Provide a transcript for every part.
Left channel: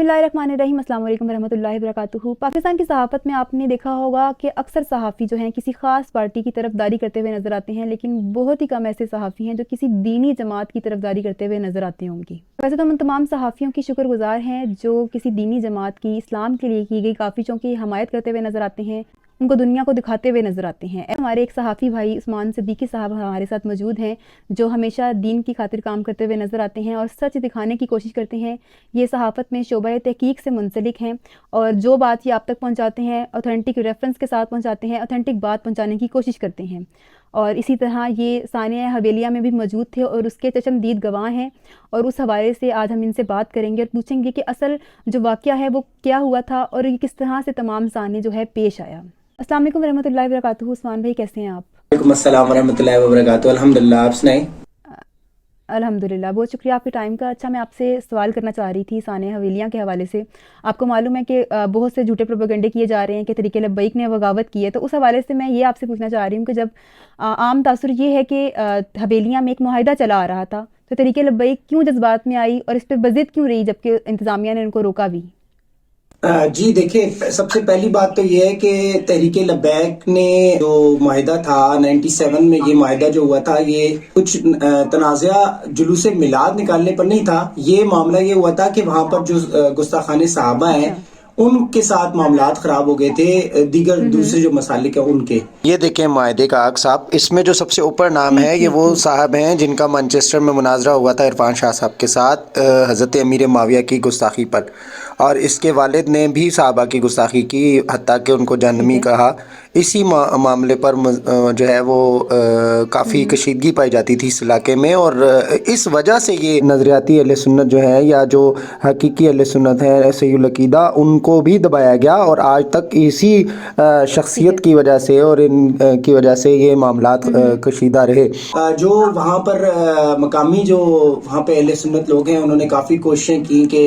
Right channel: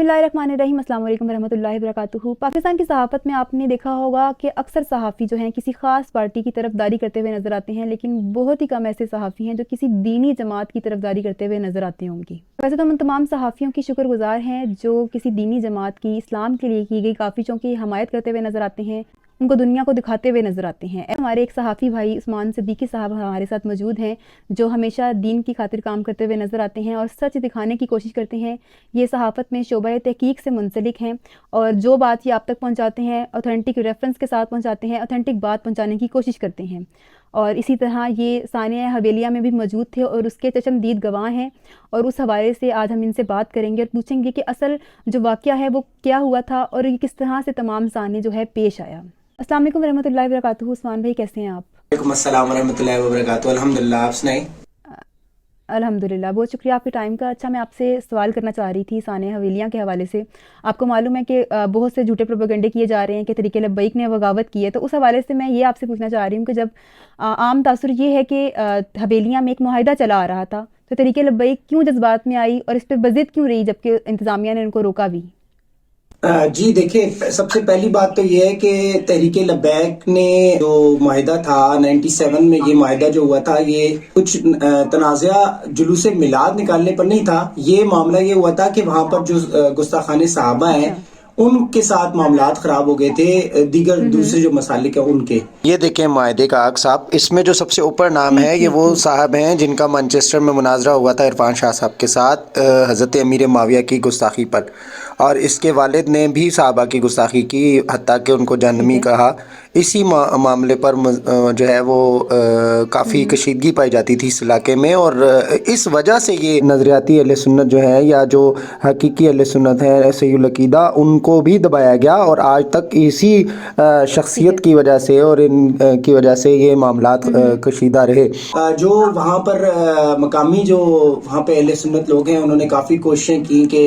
बिस्मिल्लाहिर्रहमानिर्रहीम, अस्सलाम वालेकुम रहमतुल्लाहि वबरकातुहू। पाकिस्तान की सहाफ़त में आपने देखा होगा कि अक्सर सहाफ़ी जो हैं किसी ख़ास पार्टी की तरफदारी करते हुए नज़र आते हैं, लेकिन बहुत ही कम ऐसे सहाफ़ी हैं जो किसी दीनी जमात की तरफदारी करते हुए नज़र आते होंगे। वैसे तो हम तमाम सहाफ़ियों की शुक्रगुज़ार हैं जो किसी दीनी जमात की, इस्लाम के लिए की गई काफ़िशों की हमायत करते हुए नज़र आते हैं, उनको दुनिया को दिखाते हुए नज़र आते हैं। हमारे एक सहाफ़ी भाई उस्मान सिद्दीकी साहब हमारे साथ मौजूद हैं, जो हमेशा दीन की खातिर काम करते हुए नज़र आते हैं और सच दिखाने की कोशिश करते हैं। ये सहाफ़त में शोबा तहकीक से मुंसलिक हैं और जो बात ये आप तक पहुँचाते हैं ऑथेंटिक रेफरेंस के साथ पहुँचाते हैं, ऑथेंटिक बात पहुँचाने की कोशिश करते हैं। और इसी तरह ये सानिया हवेलिया में भी मौजूद थे और उसके चशमदीद गवाह हैं, और उस हवाले से आज हम इनसे बात करेंगे और पूछेंगे कि असल जो वाक़या है वो क्या हुआ था और ये किस तरह से तमाम साने जो है पेश आया। अस्सलाम वालेकुम रहमतुल्लाहि वबरकातुहू। उस्मान भाई कैसे हैं आप? वालेकुम अस्सलाम वरहमतुल्लाहि वबरकातुहू। अल्हम्दुलिल्लाह, आप सुनाएं। अल्हम्दुलिल्लाह, बहुत शुक्रिया आपके टाइम का। अच्छा, मैं आपसे सवाल करना चाह रही थी सानिया हवेलियाँ के हवाले से। आपको मालूम है कि बहुत से झूठे प्रोपेगेंडे किए जा रहे हैं कि तहरीक लब्बैक ने बगावत की है, तो उस हवाले से मैं ये आपसे पूछना चाह रही हूँ कि जब आम तासुर ये है कि हवेलियाँ में एक मुआहिदा चला आ रहा था, तो तहरीक लब्बैक क्यों जज्बात में आई और इस पर बज़िद क्यों रही जबकि इंतज़ामिया ने उनको रोका भी? जी देखिए, सबसे पहली बात तो ये है कि तहरीक लब्बैक ने जो माहिदा था 97 में, ये माहिदा जो हुआ था ये कुछ तनाज़ा जुलूस मिलाद निकालने पर नहीं था। ये मामला ये हुआ था कि वहाँ पर जो गुस्ताखाने सहाबा हैं अच्छा। उनके साथ मामलात खराब हो गए थे, दीगर दूसरे जो मसालिक है उनके। ये देखें मायदे का आग साहब, इसमें जो सबसे ऊपर नाम ठीक है ये ठीक वो ठीक। साहब हैं जिनका मैनचेस्टर में मुनाजरा हुआ था इरफान शाह साहब के साथ हज़रत अमीर माविया की गुस्ताखी पर, और इसके वालिद ने भी साहबा की गुस्ताखी की, हत्ता कि उनको ठीक जहन्नमी है। कहा। इसी मामले पर जो है वो काफ़ी हम्म। कशीदगी पाई जाती थी इस इलाके में, और इस वजह से ये नज़रियाती अहले सुन्नत जो है या जो हकीकी अहले सुन्नत है सहीहुल अकीदा, उनको भी दबाया गया, और आज तक इसी ठीक है। शख्सियत की वजह से और इन की वजह से ये मामलात हम्म। कशीदा रहे। जो वहाँ पर मकामी जो वहाँ पे अहले सुन्नत लोग हैं उन्होंने काफ़ी कोशिशें की कि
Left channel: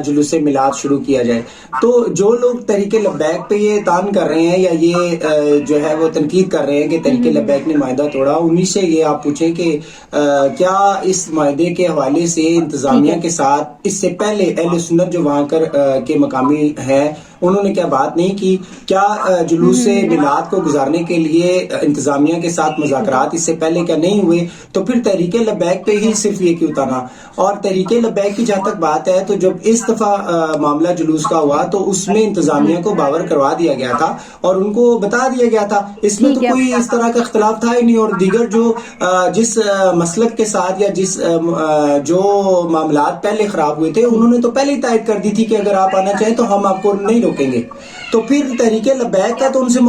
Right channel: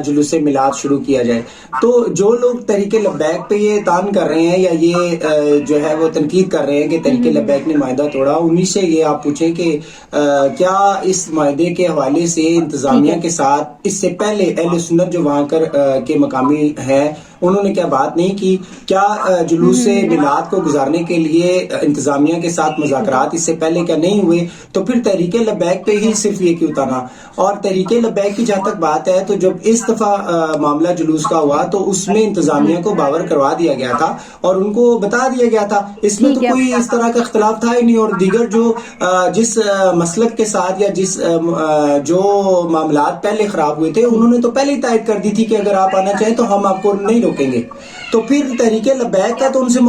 जुलूस मिलाद शुरू किया जाए। तो जो लोग तहरीक लब्बैक पे ये तान कर रहे हैं या ये जो है वो तनकीद कर रहे हैं कि तहरीक लब्बैक ने माहिदा तोड़ा, उन्हीं से ये आप पूछें कि क्या इस माहिदे के हवाले से ठीक इंतजामिया है। के साथ इससे पहले अहले सुन्नत जो वहाँ के मकामी हैं उन्होंने क्या बात नहीं की? क्या जुलूस मिलाद को गुजारने के लिए इंतजामिया के साथ ठीक है। मुज़ाकरात इससे पहले क्या नहीं हुए? तो फिर तहरीक लब्बैक पे ही सिर्फ ये क्यों ताना? और तहरीक लब्बैक की जहाँ तक बात है, तो जब इस दफा मामला जुलूस का हुआ तो उसमें इंतजामिया को बावर करवा दिया गया था और उनको बता दिया गया था, इसमें तो ठीक है। कोई इस तरह का इख्तलाफ था ही नहीं। और दीगर जो जिस मसलक के साथ या जिस जो मामलात पहले खराब हुए थे ठीक। उन्होंने तो पहले ही तायद कर दी थी कि अगर आप आना चाहें तो हम आपको नहीं रोकेंगे। तो फिर तहरीक लब्बैक का तो उनसे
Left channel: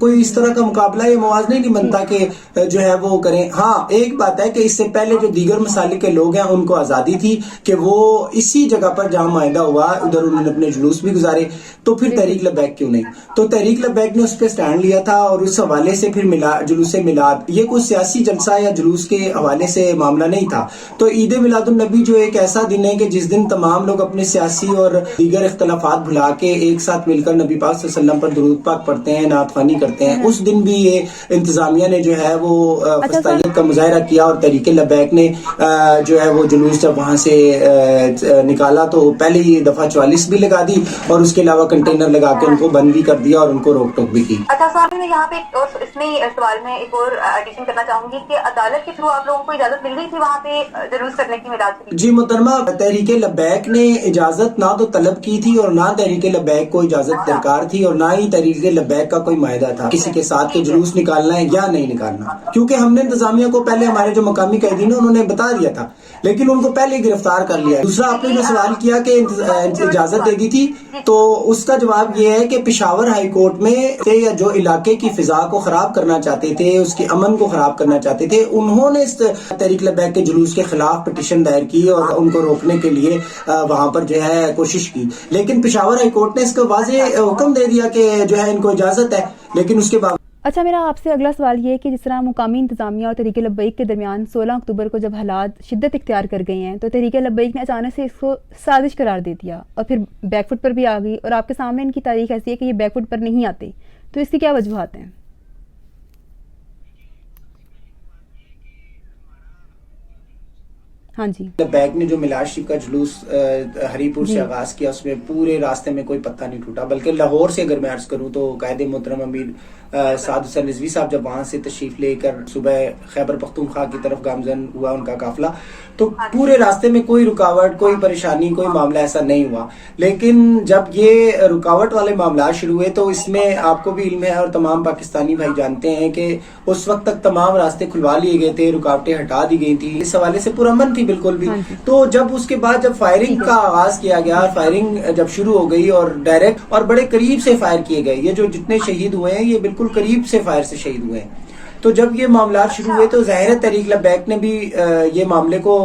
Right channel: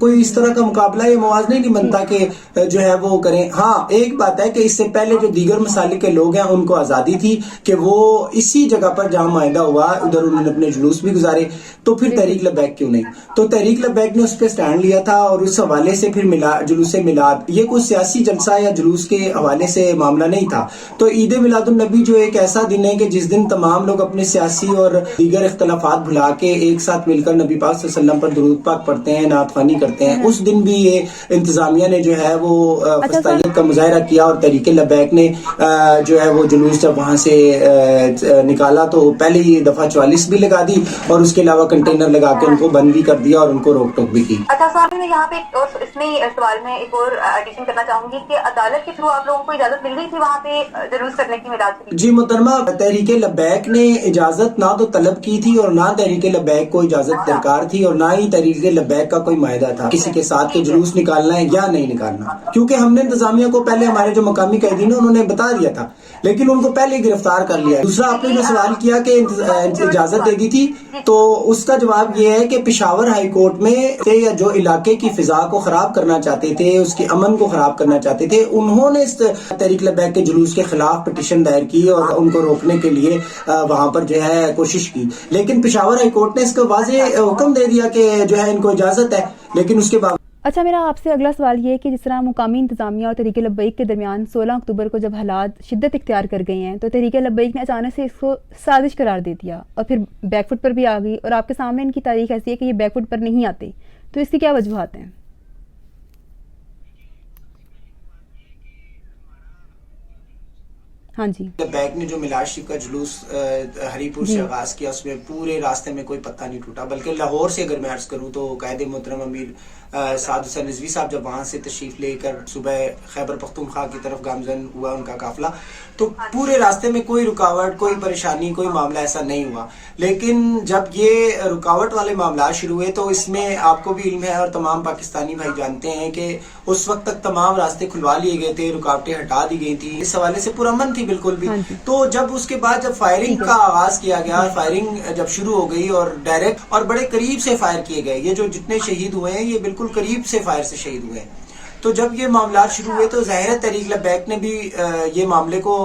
कोई इस तरह का मुकाबला या मुवाज़ना ही नहीं बनता ठीक। कि जो है वो करें। हाँ, एक बात है कि इससे पहले जो दीगर मसालिक के लोग हैं उनको आज़ादी थी कि वो इसी जगह पर जहाँ माहिदा हुआ उधर उन्होंने अपने जुलूस भी गुजारे, तो फिर बिल्कुल। तहरीक लब्बैक क्यों नहीं? तो तहरीक लब्बैक ने उस पर स्टैंड लिया था और उस हवाले से फिर जुलूस मिलाद ये कोई सियासी जलसा या जुलूस के हवाले से मामला नहीं था। तो ईद मिलादुन नबी जो एक ऐसा दिन है कि जिस दिन तमाम लोग अपने सियासी और दीगर इख्तलाफात भुला के एक साथ मिलकर नबी पाक सल्लल्लाहु अलैहि वसल्लम पर दुरूद पाक पढ़ते हैं, नात ख़वानी करते हैं। उस दिन भी ये इंतजामिया ने जो है वो अच्छा सर। फस्तायत का मुजाहरा किया, और तहरीक लब्बैक ने जो है वो जुलूस जब वहाँ से निकाला तो पहले ही दफा 44 भी लगा दी और उसके अलावा कंटेनर लगा के उनको बंद भी कर दिया और उनको रोक टोक भी की। अच्छा साहब, मैं यहाँ पे एक और इसमें सवाल में एक और एडिशन करना चाहूंगी कि अदालत के थ्रू आप लोगों को इजाजत मिल गई थी वहाँ पे जुलूस करने की मिलाद की? जी मोहतरमा, तहरीक लब्बैक ने इजाजत ना तो तलब की थी और ना तहरीक लब्बैक को इजाजत दरकार थी, और ना ही तहरीक लब्बैक का कोई मायदा था किसी के साथ के जुलूस निकालना है या नहीं निकालना, क्योंकि हमने इंतजामिया को पहले हमारे जो मकामी कैदीन उन्होंने बता दिया था, लेकिन उनको पहले गिरफ्तार कर लिया। दूसरा, आपने जो सवाल किया कि इजाजत दे दी थी, तो उसका जवाब ये है कि पेशावर हाई कोर्ट में या जो इलाके की फिजा को खराब करना चाहते थे, उसके अमन को खराब करना चाहते थे, उन्होंने इस तहरीक लब्बैक के जुलूस के खिलाफ पिटीशन दायर की और उनको रोकने के लिए वहां पर जो है कोशिश की। लेकिन पेशावर हाई कोर्ट ने इसको वाज़ेह हुक्म दे दिया कि जो है इनको इजाजत है, लेकिन उसके बाद। अच्छा, मेरा आपसे अगला सवाल ये है कि जिस तरह मुकामी इंतज़ामिया और तहरीक लब्बैक के दरमियान 16 अक्टूबर को जब हालात शिद्दत इख्तियार कर गए हैं, तो तहरीक लब्बैक ने अचानक से इसको साजिश करार दे दिया और फिर बैकफुट पर भी आ गई, और आपके सामने इनकी तारीख ऐसी है कि ये बैकफुट पर नहीं आते, तो इसकी क्या वजूहात हैं? हाँ जी बैग ने जो मिलाद शरीफ का जुलूस हरीपुर जी से आगाज किया, उसमें पूरे रास्ते में कोई पत्ता नहीं टूटा, बल्कि लाहौर से अगर मैं अर्ज करूं तो कायदे मोहतरम अमीर साद हुसैन रिजवी साहब जब वहां से तशरीफ लेकर सुबह खैबर पख्तूनख्वा की तरफ गामजन हुआ उनका काफिला, तो पूरे रास्ते में कोई रुकावट, कोई परेशानी, कोई मामला ऐसा नहीं हुआ। लेकिन जब ये रुकावट वाले मामला शुरू हुए तो इसमें आपको भी इल्म है और तमाम पाकिस्तानी भाई जानते हैं कि उस वक्त तक तमाम रास्ते खुलवा लिए गए थे, रुकावटें हटा दी गई थी, इस हवाले से पूरा अमन थी बिल्कुल भी। हाँ जी। तो जब उसके बाद जब फायरिंग का आगाज किया गया, फायरिंग जब शुरू हो गई और डायरेक्ट और बड़े करीब से फायर किए गए, ये जो जितने शहीद हुए हैं ये बिल्कुल करीब से फायर से शहीद हुए हैं। तो जब ये मामला शुरू हुए तो ज़ाहिर तहरीक लबैक ने भी ये मामले को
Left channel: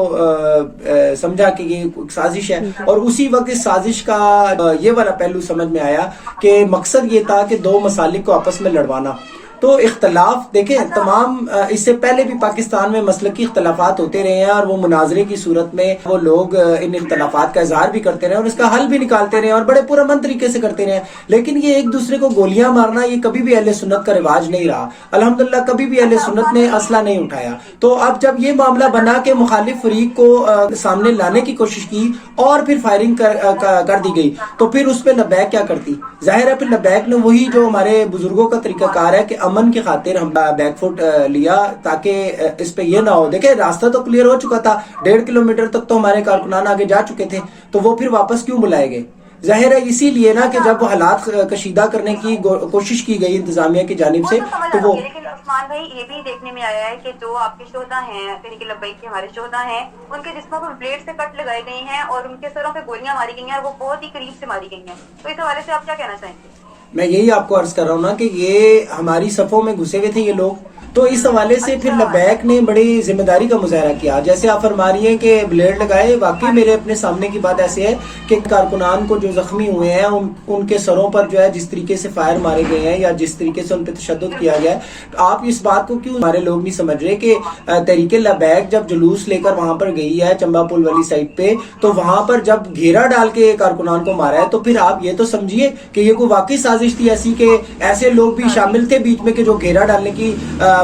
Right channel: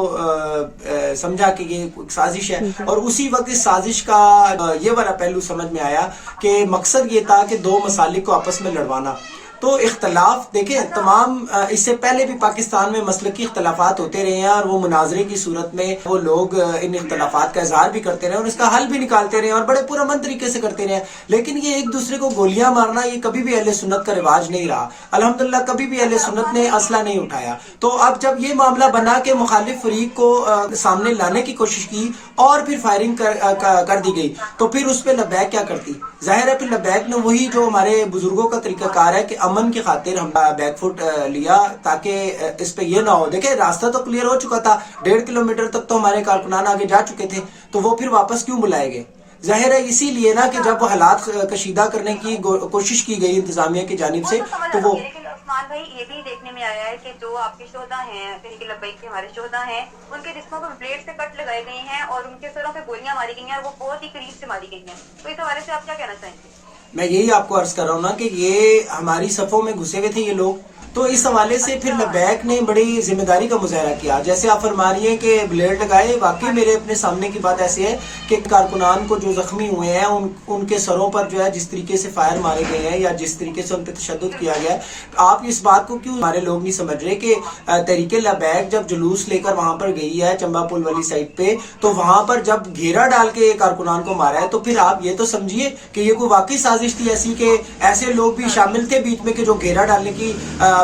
समझा कि ये एक साजिश है, और उसी वक्त इस साजिश का ये वाला पहलू समझ में आया कि मकसद ये था कि दो मसालिक को आपस में लड़वाना। तो इख्तलाफ देखें, तमाम इससे पहले भी पाकिस्तान में मसलकी इख्तलाफात होते रहे हैं और वो मुनाजरे की सूरत में वो लोग इन इख्तलाफात का इजहार भी करते रहे और इसका हल भी निकालते रहे और बड़े पुरअमन तरीके से करते रहे। लेकिन ये एक दूसरे को गोलियां मारना ये कभी भी अहले सुन्नत का रिवाज नहीं रहा। अल्हम्दुलिल्लाह कभी भी अहले सुन्नत ने असला नहीं उठाया। तो अब जब ये मामला बना के मुखालिफ फरीक को सामने लाने की कोशिश की और फिर फायरिंग कर दी गई, तो फिर उस पर लबैक क्या करती? जाहिर है फिर लबैक ने वही जो हमारे बुजुर्गों का तरीकाकार है कि अमन की खातिर हम बैकफुट लिया ताकि इस पे ये ना हो। देखे रास्ता तो क्लियर हो चुका था, 1.5 किलोमीटर तक तो हमारे कारकुनान आगे जा चुके थे, तो वो फिर वापस क्यों बुलाए गए? जाहिर है इसीलिए ना कि जब हालात कशीदा करने की कोशिश की गई इंतजामिया की जानिब से, तो वो उस्मान भाई ये भी देखने में आया है कि जो आपके शोहदा हैं, तहरीक लब्बैक के हमारे शोहदा हैं, उनके जिस्मों पर ब्लेड से कट लगाए गए हैं और उनके सरों पे गोलियां मारी गई हैं और वो बहुत ही करीब से मारी गई हैं। तो इस हवाले से आप क्या कहना चाहेंगे? मैं यही आपको अर्ज कर रहा हूँ ना कि ये हमारी सफों में घुसे हुए थे ये लोग, तो इस हवाले से फिर लबैक ने बड़ी जिम्मेदारी का मुजाहरा किया। जैसे आप फरमा रही हैं कि ब्लेड लगाए, वाकई मेरे अपने सामने की बात ऐसी है कि कारकुनान को जो जख्मी हुए हैं उनके सरों पर जो है जिस तरीके से फायर मारे गए हैं या जिस तरीके से उन पर तशद्दुद किया गया है, तो आप इस बात को क्यों हमारे लोग नहीं समझ रहे कि तहरीक लबैक जब जुलूस लेकर वहां पर गई है चंबा पुल वाली साइड पे, तो वहां पर जब घेरा डाल के कारकुनान को मारा है, तो फिर आप ये तो समझिए कि ये कोई वाकई साजिश थी ऐसी कि ऐसे लोग भी शामिल थे बीच में कि जो घेरा डालने की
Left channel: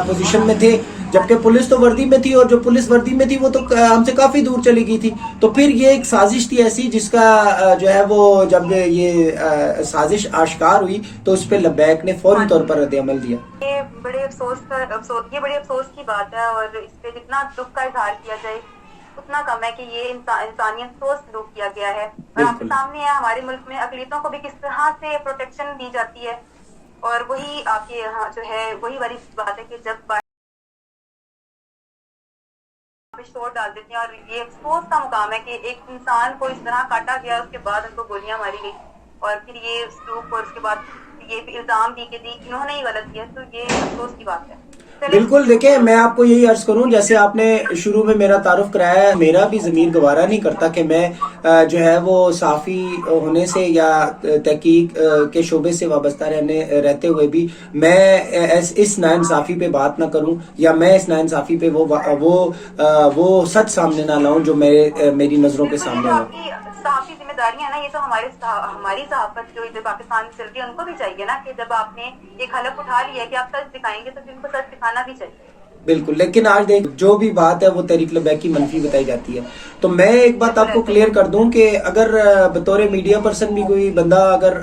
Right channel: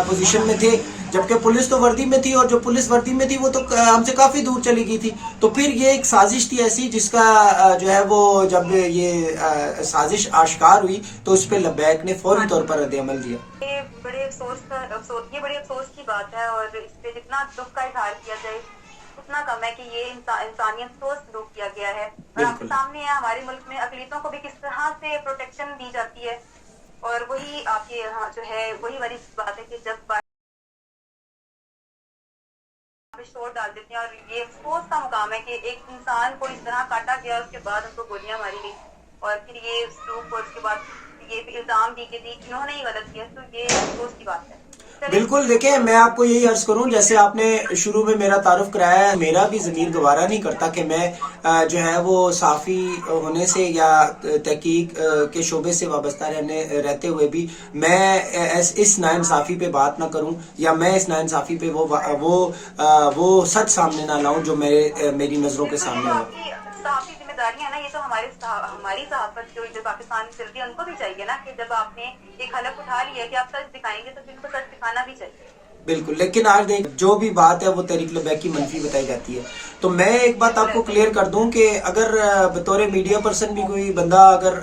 पोजीशन में थे, जबकि पुलिस तो वर्दी में थी और जो पुलिस वर्दी में थी वो तो हमसे काफी दूर चली गई थी। तो फिर ये एक साजिश थी ऐसी जिसका जो है वो जब ये साजिश आश्कार हुई तो उस पर लबैक ने फौरी तौर पर रद्द-ए-अमल दिया। ये बड़े अफसोस की बात है और इस पे जितना दुख का इजहार किया जाए उतना कम है कि ये इंसानियत सोच सलूक किया गया है। और आपके सामने है हमारे मुल्क में अकलियतों को भी किस तरह से प्रोटेक्शन दी जाती है, और वही आपके यहाँ जो है वही वाली बात है कि जब शोर डाल देते हैं और ये अफसोस का मुकाम है कि एक इंसान को इस तरह काटा गया, उसके बाद उनको गोलियां मारी गई और फिर ये सलूक और उसके बाद ये इल्जाम दी कि इन्होंने ही गलत किया। तो ये अफसोस की बात है। बिल्कुल, देखिए मैं आपको यही अर्ज करूं, जैसे आपने शुरू में मेरा तारुफ कराया, मेरा भी ज़मीर गवारा नहीं करता कि मैं जो है वो साफ़ी होने से या तहकीक के शोबे से वाबस्ता रहते हुए भी मैं इस नाइंसाफ़ी पे बात ना करूं या मैं इस नाइंसाफ़ी पे वो सच सामने ना लाऊं जो मेरी नज़रों के सामने हो। साफ़ी जिम्मेदारी है ना, ये तो हमारी सहाफत जो पाकिस्तान में चल रही है उनको भी चाहिए ना कि जब आपने एक हलफ उठा लिया है कि आप सच दिखाएंगे तो जिनको सच दिखाना भी चाहिए। बिल्कुल, लेकिन आज देख जो भी बात है वो तहरीक लबैक की मनफी बताई जाती है। तो मैं एक बात आपको क्लियर कर दूं कि अगर बतौर मीडिया पर्सन भी कोई बंदा अगर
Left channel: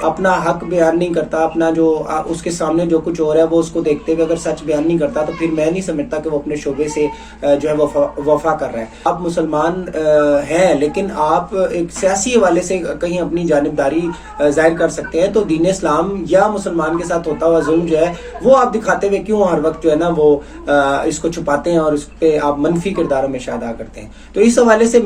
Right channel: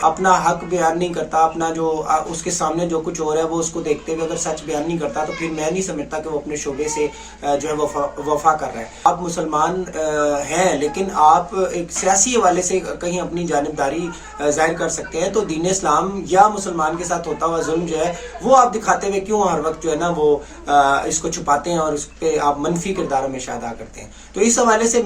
अपना हक बयान नहीं करता, अपना जो उसके सामने जो कुछ हो रहा है वो उसको देखते हुए अगर सच बयान नहीं करता, तो फिर मैं नहीं समझता कि वो अपने शोबे से जो है वफा कर रहा है। आप मुसलमान हैं लेकिन आप एक सियासी हवाले से कहीं अपनी जानिबदारी जाहिर कर सकते हैं, तो दीन इस्लाम या मुसलमान के साथ होता हुआ जुल्म जो है वो आप दिखाते हुए क्यों हर वक्त जो है ना वो इसको छुपाते हैं और उस पे आप मनफी किरदार में अदा करते हैं। तो इस हवाले से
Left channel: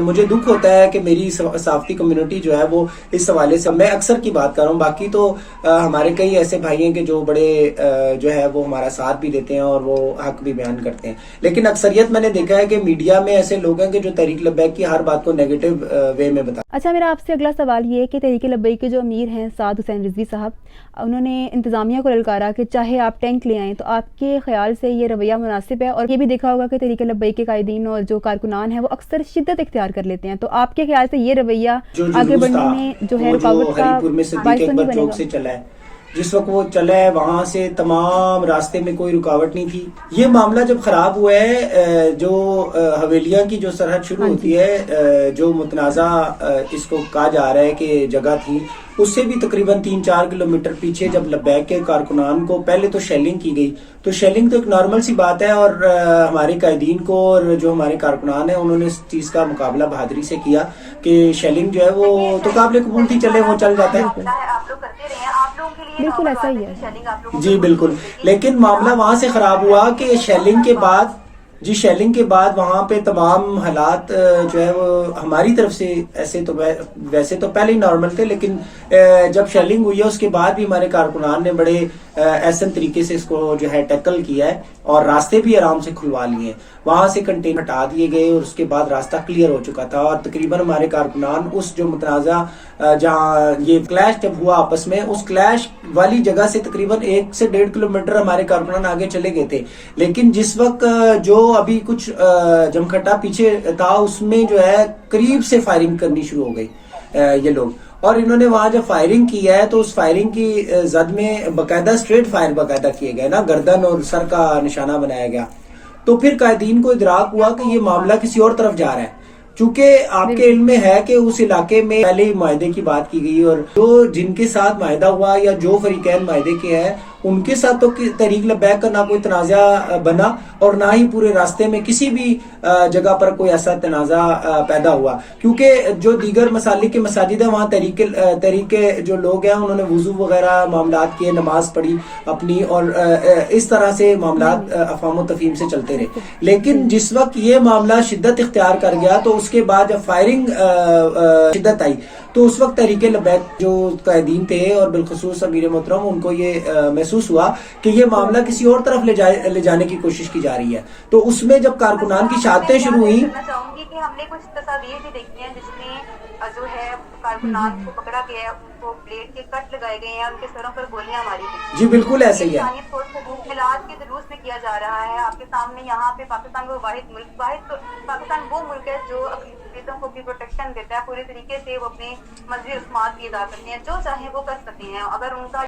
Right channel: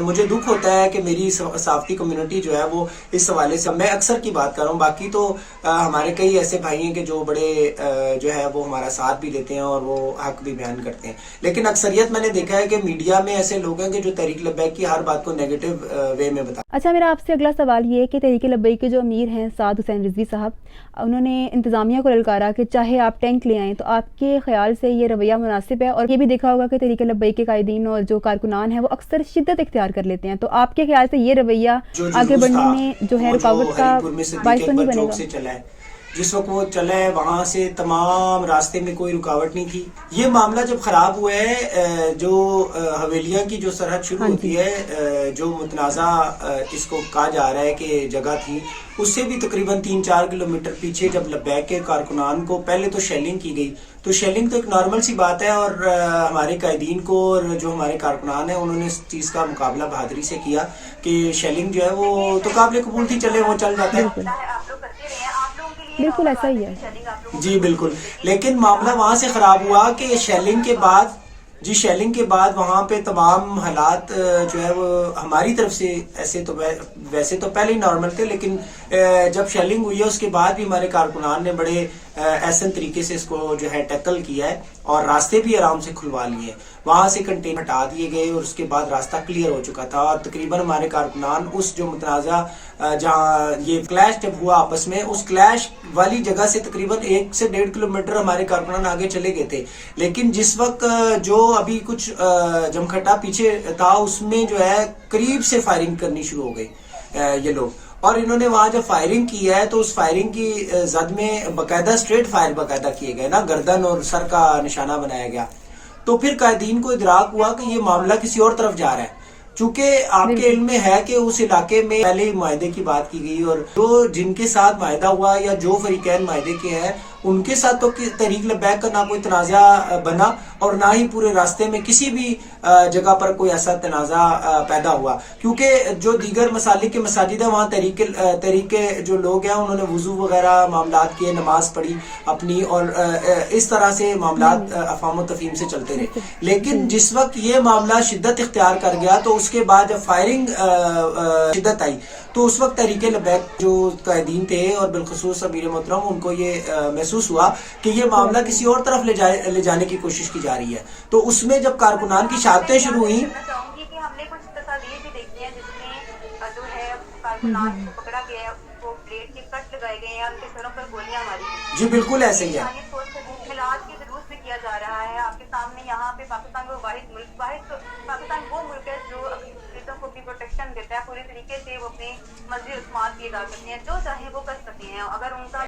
मुझे दुख होता है कि मेरी साफ्ती कम्युनिटी जो है वो इस हवाले से, मैं अक्सर की बात कर रहा हूँ, बाकी तो हमारे कई ऐसे भाई हैं कि जो बड़े जो है वो हमारा साथ भी देते हैं और वो हक भी बयान करते हैं, लेकिन अक्सरियत मैंने देखा है कि मीडिया में ऐसे लोग हैं कि जो तहरीक लबैक की हर बात को नेगेटिव वे में बताते। अच्छा, मेरा आपसे अगला सवाल ये है कि तहरीक लबैक के जो अमीर हैं साद हुसैन रिजवी साहब, उन्होंने इंतज़ामिया को ललकारा कि चाहे आप टैंक ले आएँ, तो आपके ख्याल से ये रवैया मुनासिब है? और ये भी देखा होगा कि तहरीक लबैक के कायदीन और जो कारकुनान हैं वो अक्सर शिद्दत इख्तियार कर लेते हैं, तो आपके ख्याल से ये रवैया आगे बढ़ने में जो है रुकावट का बाइस तो नहीं बनेगा? جس وقت وہ چلے وہاں سے تمام راستے میں کوئی رکاوٹ نہیں تھی. یہ معاملہ جب خراب ہوا ہے جو حویلیاں کی جو سرحد شروع ہوتی ہے جو متنازع اس کو کہا جا رہا ہے کہ جگہ تھی اس سے بھی تقریباً 3-4 کلومیٹر پیچھے جب لبیک کے کارکنان کو پہلے تو شیلنگ کی گئی تو شیلنگ تو ایک نارمل سی بات ہے اور ہمارے قائدین کو اور جو ہمارے کارکنان ہیں انہوں نے اس چیز کا مقابلہ بہادری سے کیا کہ شیلنگ جو ہے وہ تو قابل قبول تھی چلے وہ چل جاتا ہے. آپ لوگ کرتے رہے ہیں, آپ لوگوں کے لیے بالکل ایسا ہی ہے. جی بالکل, لیکن معاملہ وہاں سے خراب ہوا کہ شیلنگ کے بعد وہاں پہ تمام حالات جو ہے وہ ہماری طرف سے ویسے تو پہلے ہی نارمل تھے لیکن جب شیلنگ ہوئی ہے اس کے بعد بھی ہمارے کارکنان نے بڑے احسن طریقے سے اس کو جو ہے ٹیکل کیا ہے اور راستے بھی آرام سے کھلوا لیے. وہاں سے کنٹینر ہٹا دیے گئے اور اس کے بعد راستہ کلیئر ہو چکا تھا اور تقریباً ہمارے کارکنان اس جو متنازع جہاں یہ کلیش جب ہوا آپس میں اس کلیش والی جگہ سے تقریباً 1 سے 1.5 کلومیٹر ہمارے کارکنان آگے چلے گئے تھے. لیکن جس وقت جو ابھی کچھ جمکھٹا پیچھے تھا اس میں جو ہے قریب سے فائرنگ کرنی شروع ہو گئی یہ لوگ, اور انہوں نے وہاں جب فائرنگ کی ہے تو اس فائرنگ کی زد میں باقاعدہ اسٹریٹ فائر باقاعدہ کیے گئے نا, گردن اور سر کا نشانہ بنایا گیا. تو پھر قائدین کو ادراک ہوا کہ یہ معاملہ کسی اور طرف جا رہا ہے. چونکہ آپ کے علم میں ہے کہ اس علاقے میں پہلے ہی معاہدے کی بات کی گئی اور جو جن کے ساتھ معاہدہ ہوا یا جو فریقین معاہدے کے ہیں ان کے ساتھ تو تحریک لبیک کا نہ کوئی تنازع بنا اور نہ ہی پورے راستے میں کسی بھی جگہ پر کوئی ایسا تنازع پیدا ہوا, کیونکہ جو دیگر مسالک کے مساجد ہیں وہاں تحریک کے جو لوگ ہیں انہوں نے وضو وغیرہ معاملات کیے, نماز پڑھی اپنی اور اس طرح سے معاملات افہام و تفہیم سے چلتے رہے. لیکن جس وقت یہ معاملہ شدت اختیار کر گیا تو اس کے بعد جب فائرنگ شدت آئی تو اس وقت تحریک لبیک جو قائدین تھے اور بالخصوص امیر محترم ان کو یہ محسوس ہوا کہ یہ معاملہ کسی اور طرف لے جانے کی کوشش کی جا رہی ہے. تو اس میں جب کارکنان کی شہادتیں شروع ہوئی, چاہوں گی کہ ہم نے کچھ تصاویر بھی دیکھی ہیں جس میں جو ہے کارکنان کو پکڑا گیا ہے, ان کو بلیڈ کے کٹ لگائے گئے ہیں, ان کے سروں پر گولیاں ماری گئی. جی بالکل ایسے ہی ہے. ملاد کے جلوس میں کیا جا رہا ہے آپ کے سامنے. یہاں پہ پاکستان وہ پاکستان وہ ملک ہے جو اقلیتوں کو بھی پروٹیکشن دیتا ہے پوری طریقے سے. وہ اپنے مذہبی رسومات کیے جا سکتے ہیں, جو چاہیں وہ کر سکتے ہیں. اگر ان کا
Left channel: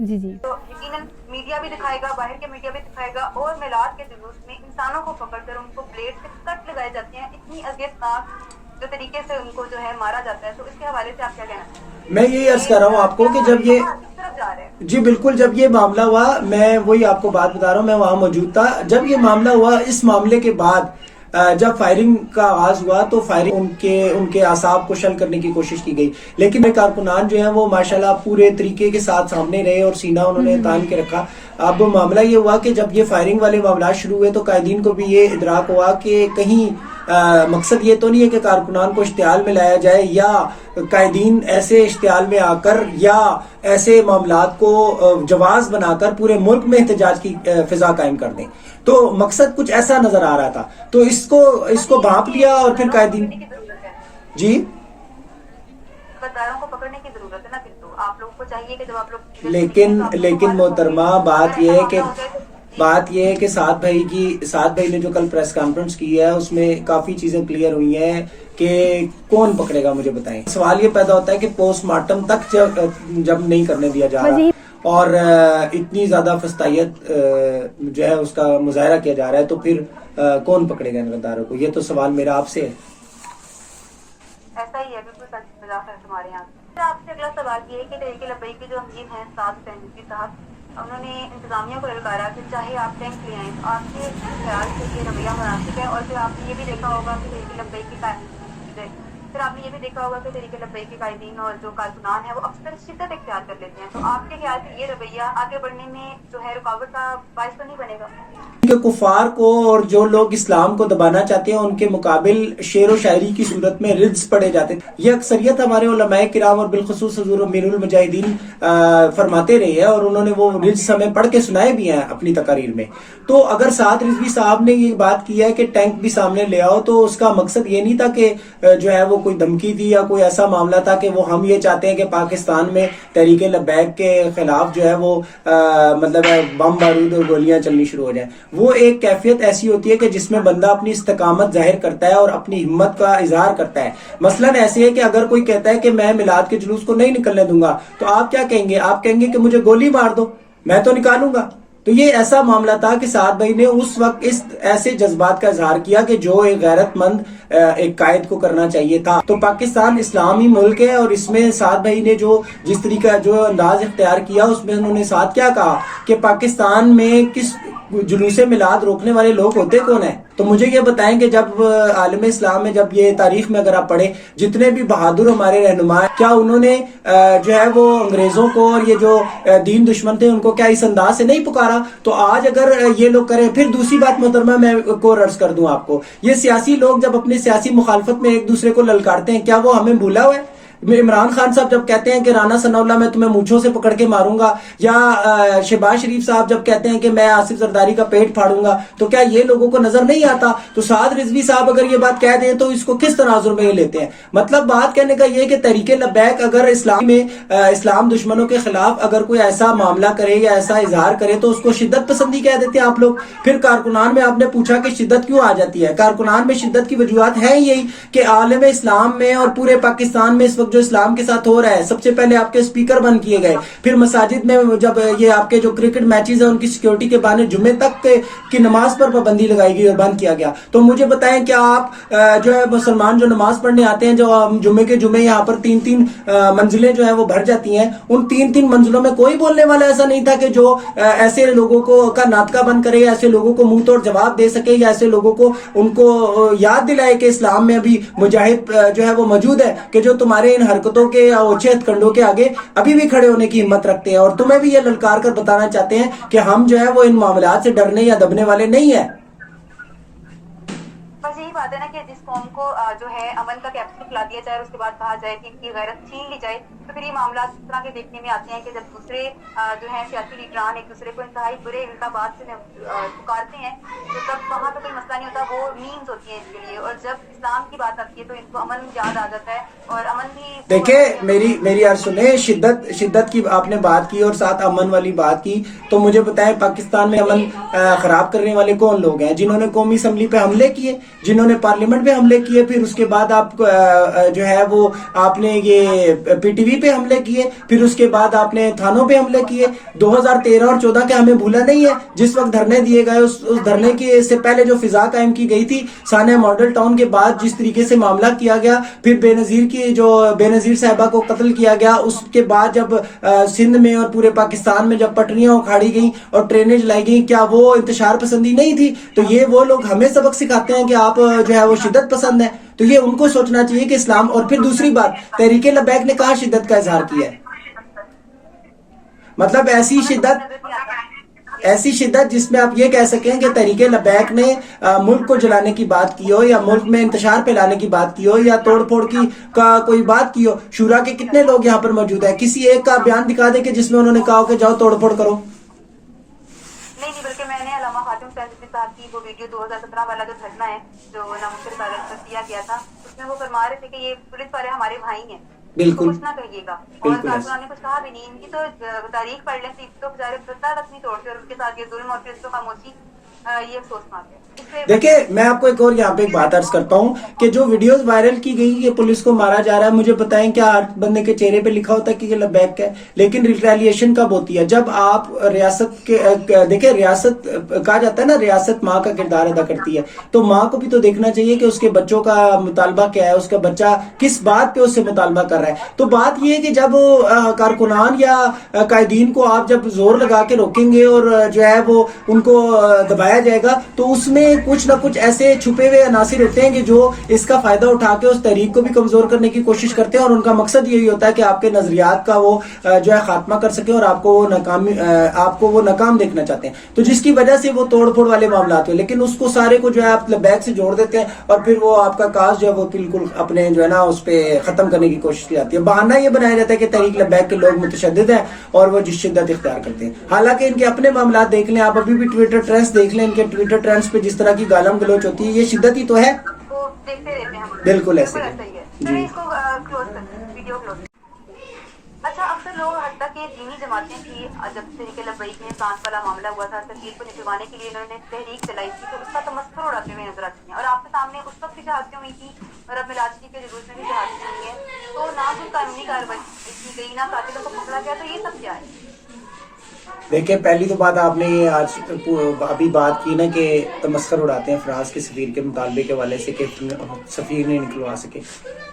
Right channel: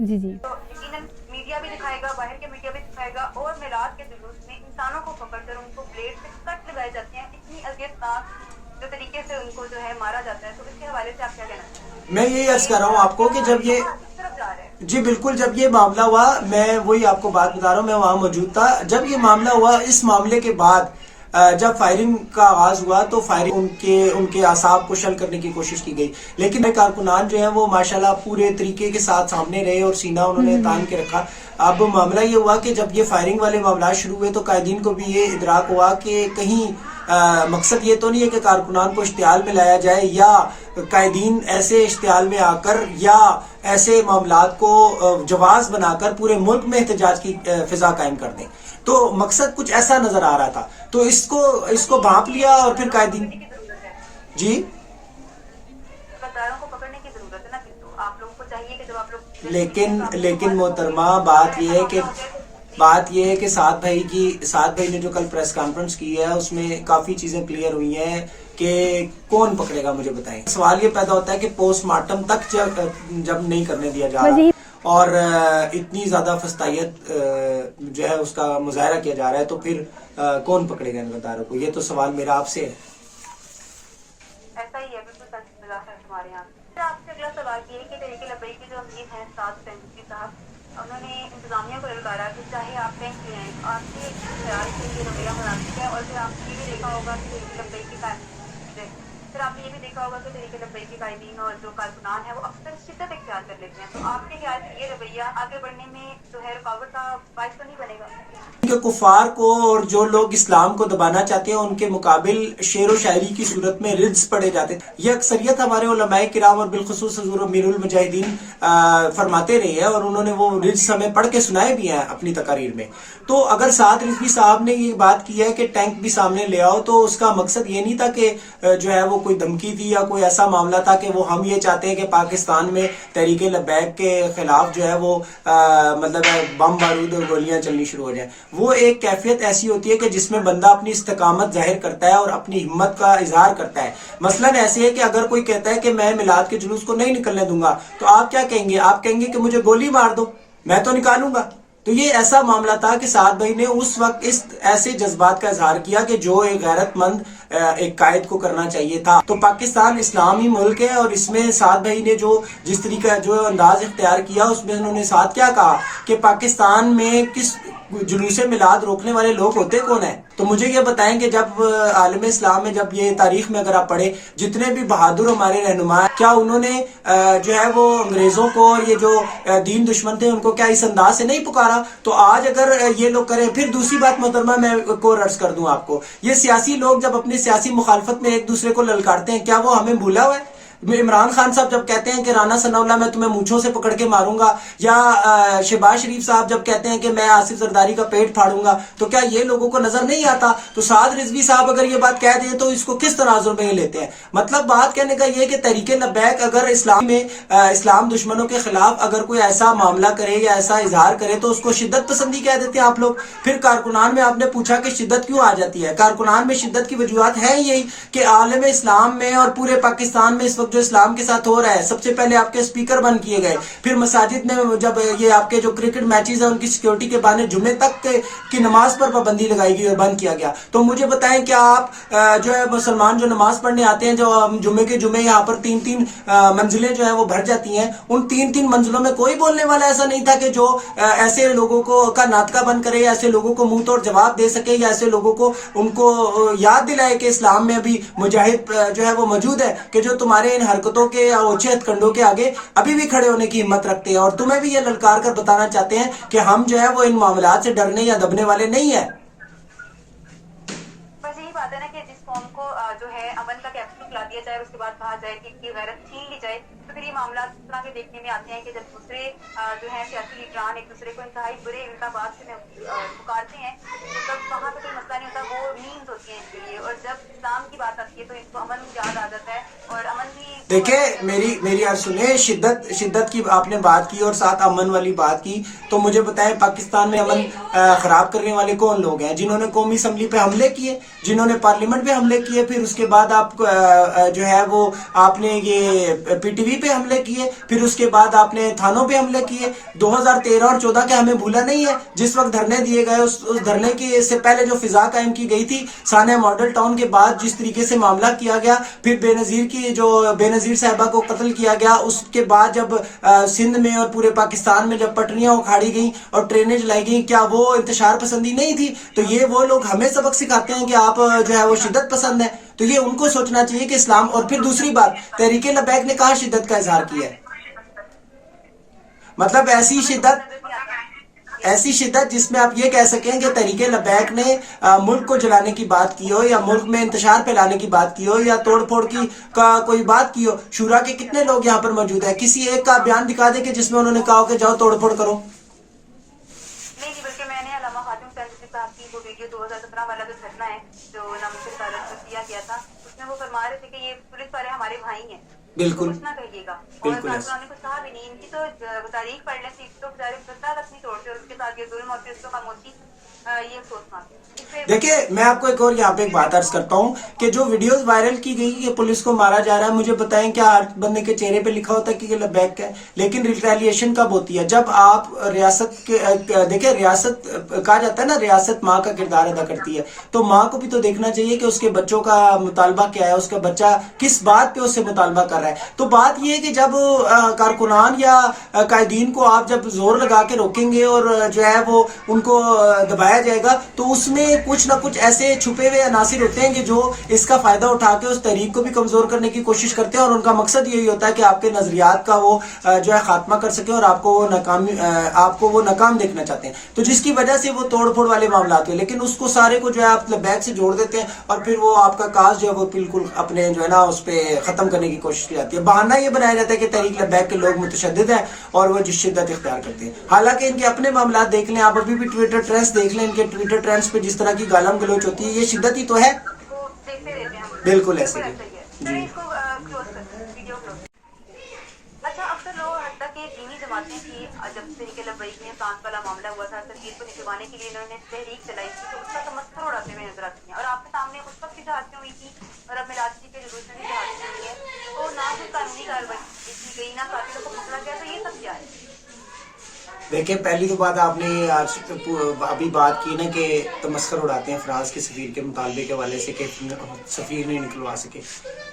جی تو یقیناً میڈیا بھی دکھائے گا, باہر کے میڈیا بھی دکھائے گا, اور میلاد کے جلوس میں انسانوں کو پکڑ کر ان کو بلیڈ سے کٹ لگائے جاتے ہیں, اتنی اذیتناک جو طریقے سے ان کو جو ہے مارا جاتا ہے. تو اس کے حوالے سے آپ کیا کہنا چاہیں گے؟ میں یہ عرض کر رہا ہوں آپ کو کہ جب یہ جی بالکل جب یہ معاملہ ہوا, میں وہی آپ کو بات بتا رہا ہوں, میں وہاں موجود تھا جب یہ معاملہ ہوا. اس معاملے کے بعد جب فائرنگ کا آغاز ہوا تو فائرنگ ان کے اعصاب کو شل کرنے کی کوشش کی گئی, لیکن کارکنان جو ہیں وہ ماشاءاللہ پورے طریقے کے ساتھ سامنے رہے اور سینہ انہوں نے تان کے رکھا. اب معاملہ یہ ہوا کہ جب یہ فائرنگ والے معاملات شروع ہوئے تو قائدین کو بھی یہ ادراک ہوا کہ کہیں مقصد یہ تو نہیں ہے کہ کارکنان کو اشتعال میں لایا جائے یا قائدین ایسے اشتعال میں آ کر یا ایسے معاملات کو جواز بنا کر پورے ملک میں احتجاج کی فضا قائم کر دیں. تو مقصد کچھ ایسا نظر آ رہا تھا, تو اس کو بھانپ لیا اور پھر قائدین جی غداروں کو پکڑنے کی ضرورت ہے نا. پھر تو آپ لوگوں کو چاہیے کہ جب آپ لوگ لیکن محترمہ بات یہ ہے کہ سعد بھائی نے جو کل پریس کانفرنس کی ہے اس میں کافی چیزیں کلیئر ہوئی ہیں کہ کون پکڑے گا. مجھے بتائیں, سوال یہ پیدا ہوتا ہے کہ پوسٹ مارٹم تک جب نہیں کرنے دیا جا رہا اور اتنی زیادہ فسطائیت جو ہے اس کا مظاہرہ کیا جا رہا ہے تو پھر کون پکڑے گا ان غداروں کو؟ یہ تو سوال میرا آپ سے ہے. ایسا ہی ہے, بالکل ہمارے یہاں. آپ سے اگلا سوال یہ ہے کہ تحریک لبیک کے جو امیر ہیں سعد حسین صاحب, انہوں نے انتظامیہ کو للکارا کہ چاہے آپ ٹینک لے آئیں. آپ کے خیال سے یہ رویہ مناسب ہے؟ اور پھر آپ نے یہ بھی دیکھا ہوگا کہ تحریک لبیک کی پھر آپ نے یہ بھی دیکھا ہوگا کہ تحریک لبیک کے قائدین اور جو کارکنان ہیں وہ اکثر شدت اختیار کر لیتے ہیں. تو آپ کے خیال سے یہ رویہ آگے بڑھنے میں جو ہے رکاوٹ کا باعث تو نہیں بنے گا؟ کہ کفار کو اور جو لوگ اسلام کو دبانا چاہتے ہیں ان کے مقابل شعر و شاعری کی صورت میں رجز پڑے جاتے ہیں. یہ اکثریت ہمارے علماء کرام اور بالخصوص حضور امیر المجاہدین فرماتے رہے ہیں اور انہوں نے وہ رجز ہمیں پڑھ کے سنائے بھی ہیں اپنی تقاریر میں. تو اگر سعد رضوی صاحب نے یہ بات کی ہے کہ ٹینک بھی سامنے لے آؤ تو اس کا مقصد یہ نہیں تھا کہ جو ہے وہ وہ کوئی دھمکی تھی یا کوئی ایسا معاملہ تھا کہ وہ ہم یہ چاہتے ہیں کہ پاکستان میں تحریک لبیک کے خلاف جو ہے وہ مطلب بم بارود اور گولیاں چلنی شروع ہو جائیں. وہ ایک کیفیت ایسی ہوتی ہے کہ جس میں بندہ اپنی استقامت ظاہر کرتا ہے اور اپنی ہمت کا اظہار کرتا ہے. مثلا ایسے ہے کہ اگر کوئی کہتا ہے کہ میں میلاد کے جلوس کو نہیں نکلنے دوں گا تو آپ کیا کہیں گے؟ آپ کہیں گے کہ مجھے گولی مار دو، میں تو نکالوں گا. تو یہ ایسا معاملہ تھا کہ سعد بھائی نے اس وقت اس ایسے جذبات کا اظہار کیا کہ جو ایک غیرت مند ایک قائد کو کرنا چاہیے تھا. تو پاکستان اسلامی ملک ہے اور اس میں سعد بھائی نے جو جس طریقہ جو انداز اختیار کیا اس میں انہوں نے ساتھ کیا کہا کہ پاکستان میں کس جلوس میلاد روکنے والے لوگ ہوتے کون ہیں. تو مجھے یہ بتائیں کہ جب عالم اسلام میں جب یہ تاریخ میں اگر آپ پڑھیں جتنے بھی بہادر ہمارے رہنما ہیں کیا انہوں نے جو ہے وہ انگریزوں کو اور یہ جو دین دشمن تھے ان کو کیا اس انداز سے نہیں پکارا؟ تو آج اگر یہ لوگ کریں. پھر دوسری بات محترمہ میں کو عرض کر دوں آپ کو، یہ سیاسی لوگ جب اپنی سیاسی مخالفت میں ایک دوسرے کو للکارتے ہیں کیا وہ ہمیں بھولا ہوا ہے؟ عمران خان صاحب جب کہتے ہیں کہ رانا ثناء اللہ میں تمہیں مونچھوں سے پکڑ کے ماروں گا، یا شہباز شریف صاحب جب کہتے ہیں کہ میں آصف زرداری کا پیٹ پھاڑوں گا، تو کیا یہ لوگوں کو نظر نہیں آتا؟ تو سعد رضوی صاحب اگر یہ بات کہہ دیں تو اس کو کس تناظر میں لیتے ہیں؟ مطلب بات کہنے کا یہ کہ تحریک لبیک اگر اسلام میں اسلام دشمنوں کے خلاف اگر کوئی ایسا معاملہ کرے یا ایسا اظہار کرے تو اس کو شدت پسندی کہہ دیتے ہیں آپ لوگ. پھر کارکنان میں آپ نے پوچھا کہ شدت کیوں آ جاتی ہے؟ کارکنان میں شدت کی وجوہات ہے یہی کہ عالم اسلام میں اور پورے پاکستان میں اس وقت جو اسلام کے ساتھ ہو رہا ہے، سب سے پہلے آپ کے اسپیکر بند کیے گئے، پھر مساجد میں جب یہ آپ کے جو کرکٹ میچز ہیں ان کی سیکیورٹی کے بہانے جمعے تک کی نماز پر پابندی لگائی گئی اور بند کیا گیا. تو مجھے بتائیں کیا آپ جو ہے مسلمان جو نماز پڑھنے آتے ہیں، جو جمعے کے جمعے یہاں پر 3 منزلیں جو ہیں وہ بھر جاتی ہیں، ان 3 منزلوں میں کوئی بولنے والا ایسا نہیں تھا کہ جو ایسے لوگوں کو کا ناطقہ بند کرے، ایسے لوگوں کو منہ توڑ جواب دے سکے، یا ایسے لوگوں کو ان کو یاد دلائے کہ اسلام میں بھی مجاہد جو ہے وہ موجود ہے کہ جو تمہارے ان حرکتوں کے یا اوچھے ہتھ کنڈوں کے آگے ابھی بھی کھڑے ہونے کی ہمت رکھتے ہیں. اور تمہیں بھی یہ للکار کر بتانا چاہتے ہیں کہ ہم جو ہے وہ ان معاملات سے ڈرنے یا دبنے والے نہیں ہیں. بس یہی بات ہے نا کہ جس قوم کو جو ہے امن کا کیپسول کھلا دیا جائے اور اس کے بعد کہا جائے کہ کی غیرت چھین لی جائے، تو پھر یہ معاملات اس طرح کے دیکھنے میں آتے ہیں کہ جب دوسرے جو ہے سیاسی لیڈران ایک دوسرے کو انتہائی برے القابات سے پکارتے ہیں تو تب وہاں تو کوئی مسئلہ نہیں ہوتا، وہ مینز ہوتی ہیں اس کے لیے. اور جب اسلام کی بات آتی ہے تو ان کو امن یاد آ جاتا ہے. اور امن بھی دیکھیں میری یار سنیں، شدت کی آپ نے بات کی اور ساتھ امن والی بات کی. تو مجھے بتائیں پاکستان میں امن خراب کرنے والے کون لوگ ہیں؟ جنہوں نے قومی اسمبلی پہ حملے کیے، جنہوں نے پارلیمنٹ پہ حملے کیے، پھر اس کے بعد آپ جو ہے وہ آپ نے یہ پی ٹی وی پہ حملے کیے، پھر اس کے بعد آپ نے تھانوں پہ حملے کیے. 2013 اور 14 کے ہمیں بھولا نہیں ہے جس وقت دھرنے دیے گئے، اس دھرنے کی سے پہلے جو فضا قائم کی گئی تھی سانحہ ماڈل ٹاؤن کے بعد جس طریقے سے معاملہ کیا گیا، پھر بے نظیر صاحبہ کو قتل کیا گیا، اس کے بعد جب سندھ میں اور پورے پاکستان میں جب پٹریاں اکھاڑی گئیں اور ٹرینیں جلائی گئیں، کیا وہ انتشار پسندی نہیں تھی؟ تو یہ وہ لوگ ہمیں سبق سکھاتے ہیں کہ آپ جو ہے وہ شدت پسند ہیں. تو یہ ان کو سوچنا چاہیے کہ اسلام. اور پھر دوسری بات، تحریک لبیک نے کہاں شدت کا اظہار کیا ہے؟ مطلب ایسی شدت جس میں آپ یہ کہہ سکیں کہ تحریک لبیک نے ملک کو جلانے کی بات کی ہو، یا ملک میں انتشار پھیلانے کی بات کی ہو، یا توڑ پھوڑ کی کوئی بات کی ہو. شورا کے کتنے لوگ یہاں پر موجود ہیں؟ کسی ایک کا بیان دکھا دے کہ جس میں انہوں نے کہا ہو کہ جاؤ توڑ پھوڑ کرو. نہیں، بلکہ میں نے علامہ خاتون فیض صاحب کی وہ ویڈیو 2017 والا جو گھٹنا ہے جو ناممکن عدالت میں کیا گیا تھا، اس میں وہ فرما رہے تھے کہ یہ پولیس والے ہمارے بھائی ہیں، بالکل کچھ نہ کہیے گا. اور کارکنان نے کچھ کہا بھی نہیں. ان کی تو تاریخ پڑھ لیں تو بچارے بتا تک نہیں توڑتے، اور اس کے ساتھ یہ ظلم اور پھر اس کو خاموشی یہ افسوس مانتے ہیں. دیکھیں میں آپ کو ایک اور یہاں پہ ایک بات عرض کرتا ہوں کہ جو ویڈیوز وائرل کی گئی کہ پولیس کو مارا جا رہا ہے، مجھے بتائیں کیا ہر بندے کے چہرے پہ لکھا ہوتا ہے کہ یہ لبیک ہے؟ لیکن ریٹیلیشن کب ہوتی ہے؟ جب آپ ریاست کے دیکھیں، ریاست کہا جاتا ہے نا ریاست ماں کا کردار ادا کرتی ہے، تو ماں کو بھی تو دیکھنا چاہیے کہ اس کے بچوں کا مطالبہ کیا ہے، اس کا بچہ کس بات پہ اس سے مطالبہ کر رہا ہے. تو بات یہ ہے کہ جب کارکنان یا قائدین کو آپ جب زور لگا کے روکیں گے اور جو ہے وہ ان کو دبایا جائے گا، تو اس میں کچھ نہ کچھ ایسے چھپے ہوئے عناصر ہوتے ہیں کہ جو اس کا فائدہ اٹھا کے اس تحریک کو بھی کمزور کرنے کی کوشش کرتے ہیں، اور ان کا مقصد یہی ہوتا ہے کہ آپ کے نظریات کا وہ جو ہے خاتمہ کر سکے اور آپ کو وہ ناکام دیکھنا چاہتے ہیں. تو جس کی وجہ سے وہ توڑ پھوڑ والے معاملات ہوئے، لیکن اس کو سارے کو جو ہے آپ لبیک سے جوڑ دیتے ہیں اور پھر وہ آپ کا کاز جو ہے وہ بالکل اپنے جو ہے نا اس پہ ختم کرنے کی کوشش کی جاتی ہے. بہانہ یہ بنایا جاتا ہے کہ تحریک لبیک کے لوگ متشدد ہیں اور وہ جس شدت اختیار کرتے ہیں. حالانکہ ان کے اپنے معاملات دیکھ لیں آپ، ابھی بھی ٹویٹر ٹرینڈز دیکھ لیں، ان کے ٹویٹر ٹرینڈز پہ جس طرح کی گالم گلوچ ہوتی ہے، یہ شدت ہی تو ہے. وہ دیکھتے رہتے ہیں. بالکل ایسے ہی. चलिए इसको क्लोज करते हैं, वीडियो क्लोज। अच्छा, अक्सर लोग हद तक ये दीनी जमातें की जब तरीके लब्बैक में सांस वाला मामला हुआ था, तस्वीर को निकलवाने के लिए इन्होंने तहरीक चलाई थी, तो उसका तमस्खुर उड़ाते हुए नजर आते हैं। और आपके सामने उस वक्त भी जहाज़ें हुई थी और अब मिलादगी के जुलूस में भी जहाज़ें हुई है, तो ना कोई कानूनी कार्रवाई की गई, ना कातिलों को पकड़ा गया, तो ये सब क्या है? देखिए, पहली तो बात आपने आज अभी बात की ना कि तमस्खुर उड़ाते हैं फ्रांस के सफीर के मुतालबे के हवाले से कि सफीर नहीं निकलवा सके।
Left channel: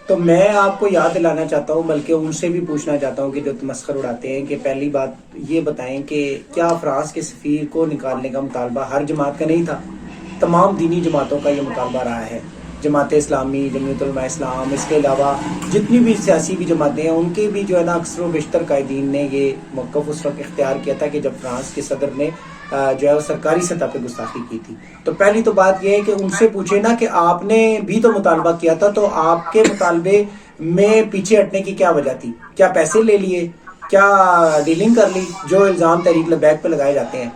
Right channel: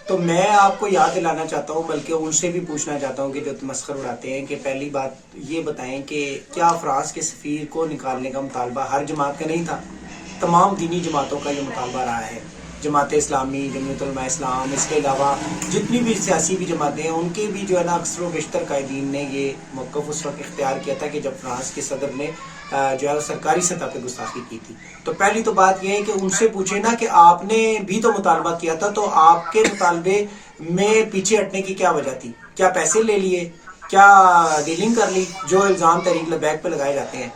तो मैं आपको याद दिलाना चाहता हूँ, बल्कि उनसे भी पूछना चाहता हूँ कि जो तमस्खुर उड़ाते हैं, कि पहली बात ये बताएं कि क्या फ्रांस के सफीर को निकालने का मुतालबा हर जमात का नहीं था? तमाम दीनी जमातों का ये मुतालबा रहा है। जमात इस्लामी, जमीयत उलमा इस्लाम, इसके अलावा जितनी भी सियासी भी जमातें हैं, उनके भी जो है ना अक्सर व बेशतर कायदीन ने ये मौक़िफ़ उस वक्त इख्तियार किया था कि जब फ्रांस के सदर ने जो है सरकारी सतह पर गुस्ताखी की थी। तो पहली तो बात यह है कि उनसे पूछे ना कि आपने भी तो मुतालबा किया था, तो आपके मुतालबे में पीछे हटने की क्या वजह थी? क्या पैसे ले लिए? क्या डीलिंग कर ली? जो इल्ज़ाम तहरीक लब्बैक पे लगाए जाते हैं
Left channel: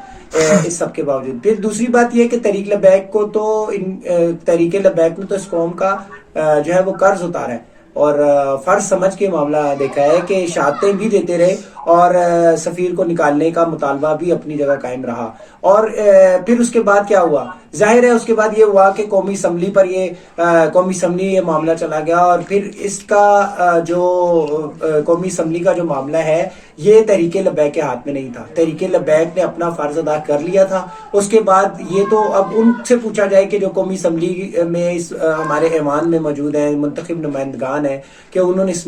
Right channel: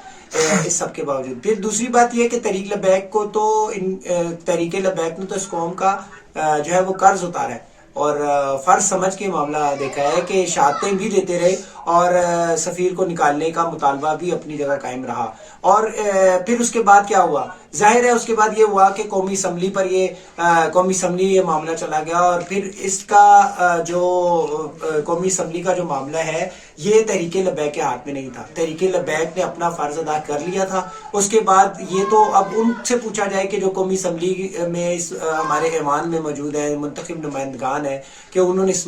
इस सब के बावजूद। फिर दूसरी बात यह है कि तहरीक लब्बैक को तो तहरीक लब्बैक ने तो इस कौम का जो है वो कर्ज उतारा है और फर्ज समझ के मामला देखा है कि शहादतें भी देते रहे और सफीर को निकालने का मुतालबा भी अपनी जगह कायम रहा। और फिर उसके बाद क्या हुआ? जाहिर है उसके बाद ये हुआ कि कौमी असम्बली पर कौमी असम्बली ये मामला चला गया और फिर इसका जो कौमी असम्बली का जो मामला है ये तहरीक लब्बैक के हाथ में नहीं था। तहरीक लब्बैक ने अपना फर्ज अदा कर लिया था। उसके बाद ये तो अब उनसे पूछा जाए कि जो कौमी असम्बली में हमारे ऐवान में मौजूद हैं, मुंतखब नुमाइंदगान है, कि उन्होंने इस